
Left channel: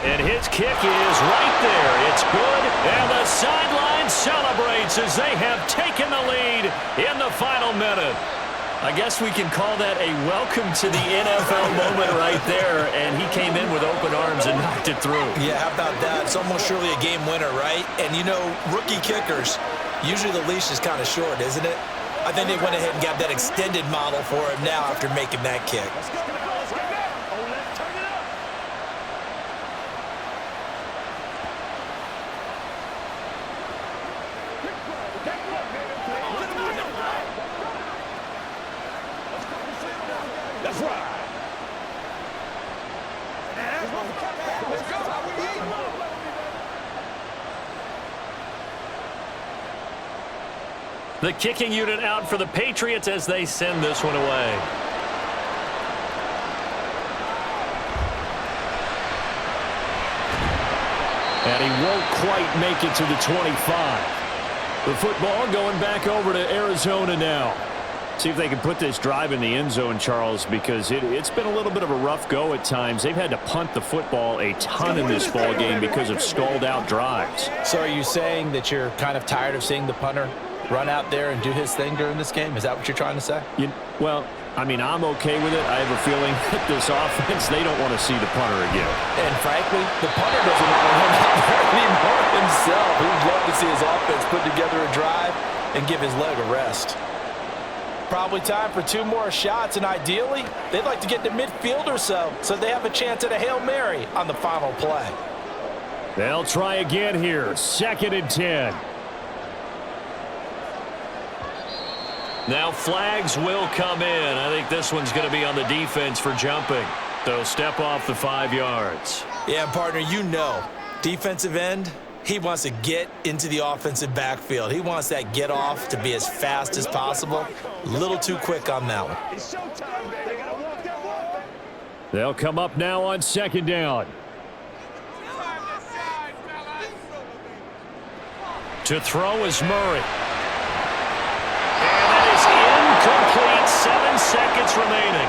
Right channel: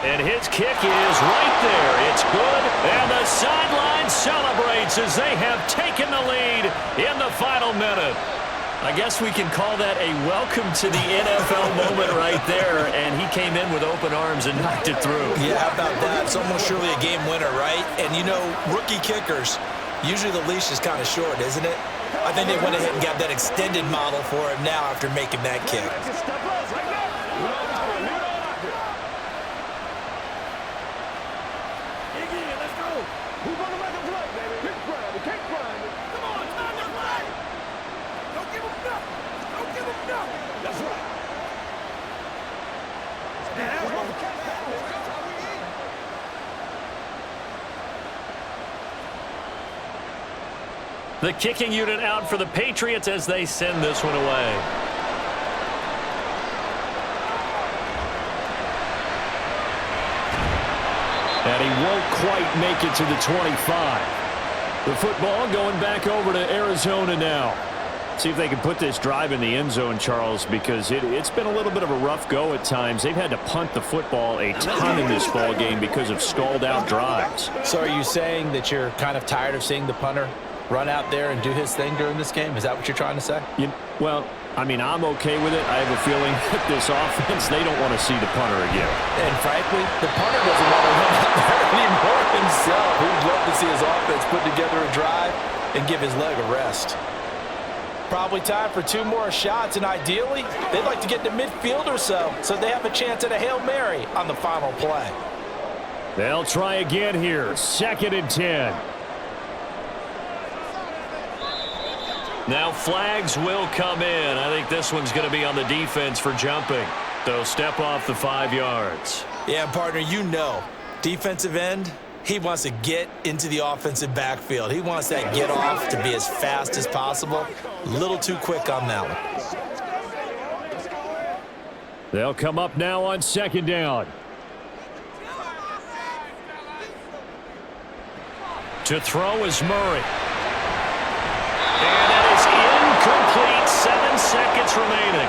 And his kick is right there. It's good. And the sideline celebrates as they have taken the lead in the final minute. I guess we can call that a welcome to the NFL moment right there. And he came in with open arms and knocked it through. Yeah, how about that? It's almost surely a game winner, right? And, you know, rookie kickers, usually the leash is kind of short, isn't it? I think they went ahead and got that extended model for him now after making that kick. The kicking unit out for the Patriots as they send this one away. And he won't quite make it to the 25. The football going back over to Arizona now. See if they can put this drive in the end zone, Charles, because it's been a little bit of a rough go at times. They've had to punt the football a ton in this ball game because of stalled out drives. So are you saying that you're kind of tired of seeing the punter run out there and do his thing during this game? Is that what you're trying to say? Well, I mean, I'm okay with it. I have a feeling that this offense, they don't want to see the punter again. And frankly, the punter doesn't want to run out there anymore himself. He'd love to see his offense put together a drive and give his leg a rest. Probably time for 2 more shots, and ideally, they'd like to get to midfield or so they have a chance at a Hail Mary on the final play. They'll try again here. 2nd and 10. Now flags will come in. I think this one's going to be on the defense for jumping. They'll step off the 5 yards. Yeah, partner, you know, defensive end, he wants to get into the offensive backfield. He wants that get off to be as fast as possible. A little too quick on that one. They'll come up now on 2nd down. To throw is Murray. And that is incomplete. 7 seconds remaining.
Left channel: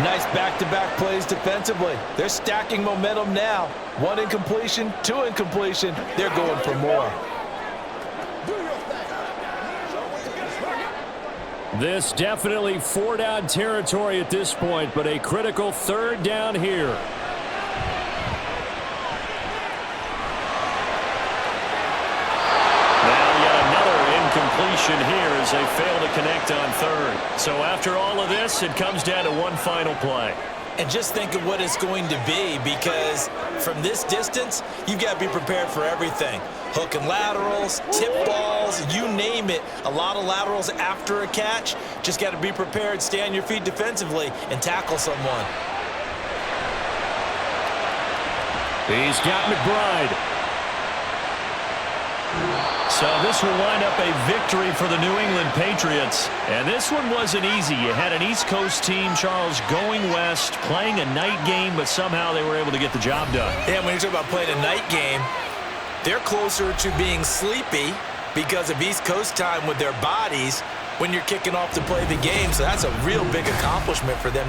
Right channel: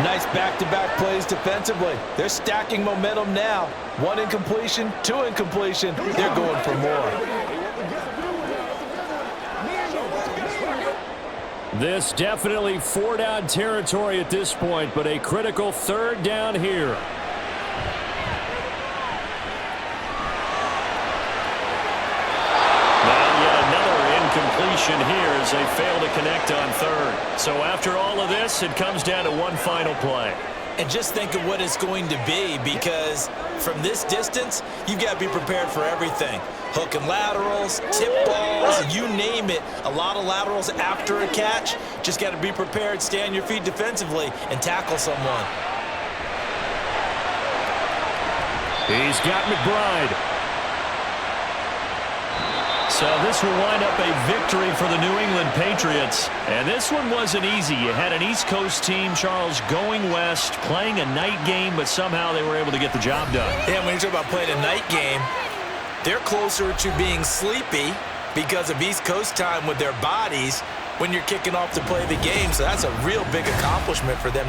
Nice back-to-back plays defensively. They're stacking momentum now. 1 incompletion, 2 incompletion. They're going for more. This definitely 4-down territory at this point, but a critical 3rd down here. Completion here as they fail to connect on 3rd. So after all of this, it comes down to one final play. And just think of what it's going to be, because from this distance, you've got to be prepared for everything. Hook and laterals, tip balls, you name it. A lot of laterals after a catch. Just got to be prepared, stay on your feet defensively, and tackle someone. He's got McBride. So this will wind up a victory for the New England Patriots. And this one wasn't easy. You had an East Coast team, Charles, going west, playing a night game, but somehow they were able to get the job done. Yeah, when you talk about playing a night game, they're closer to being sleepy because of East Coast time with their bodies when you're kicking off to play the game. So that's a real big accomplishment for them.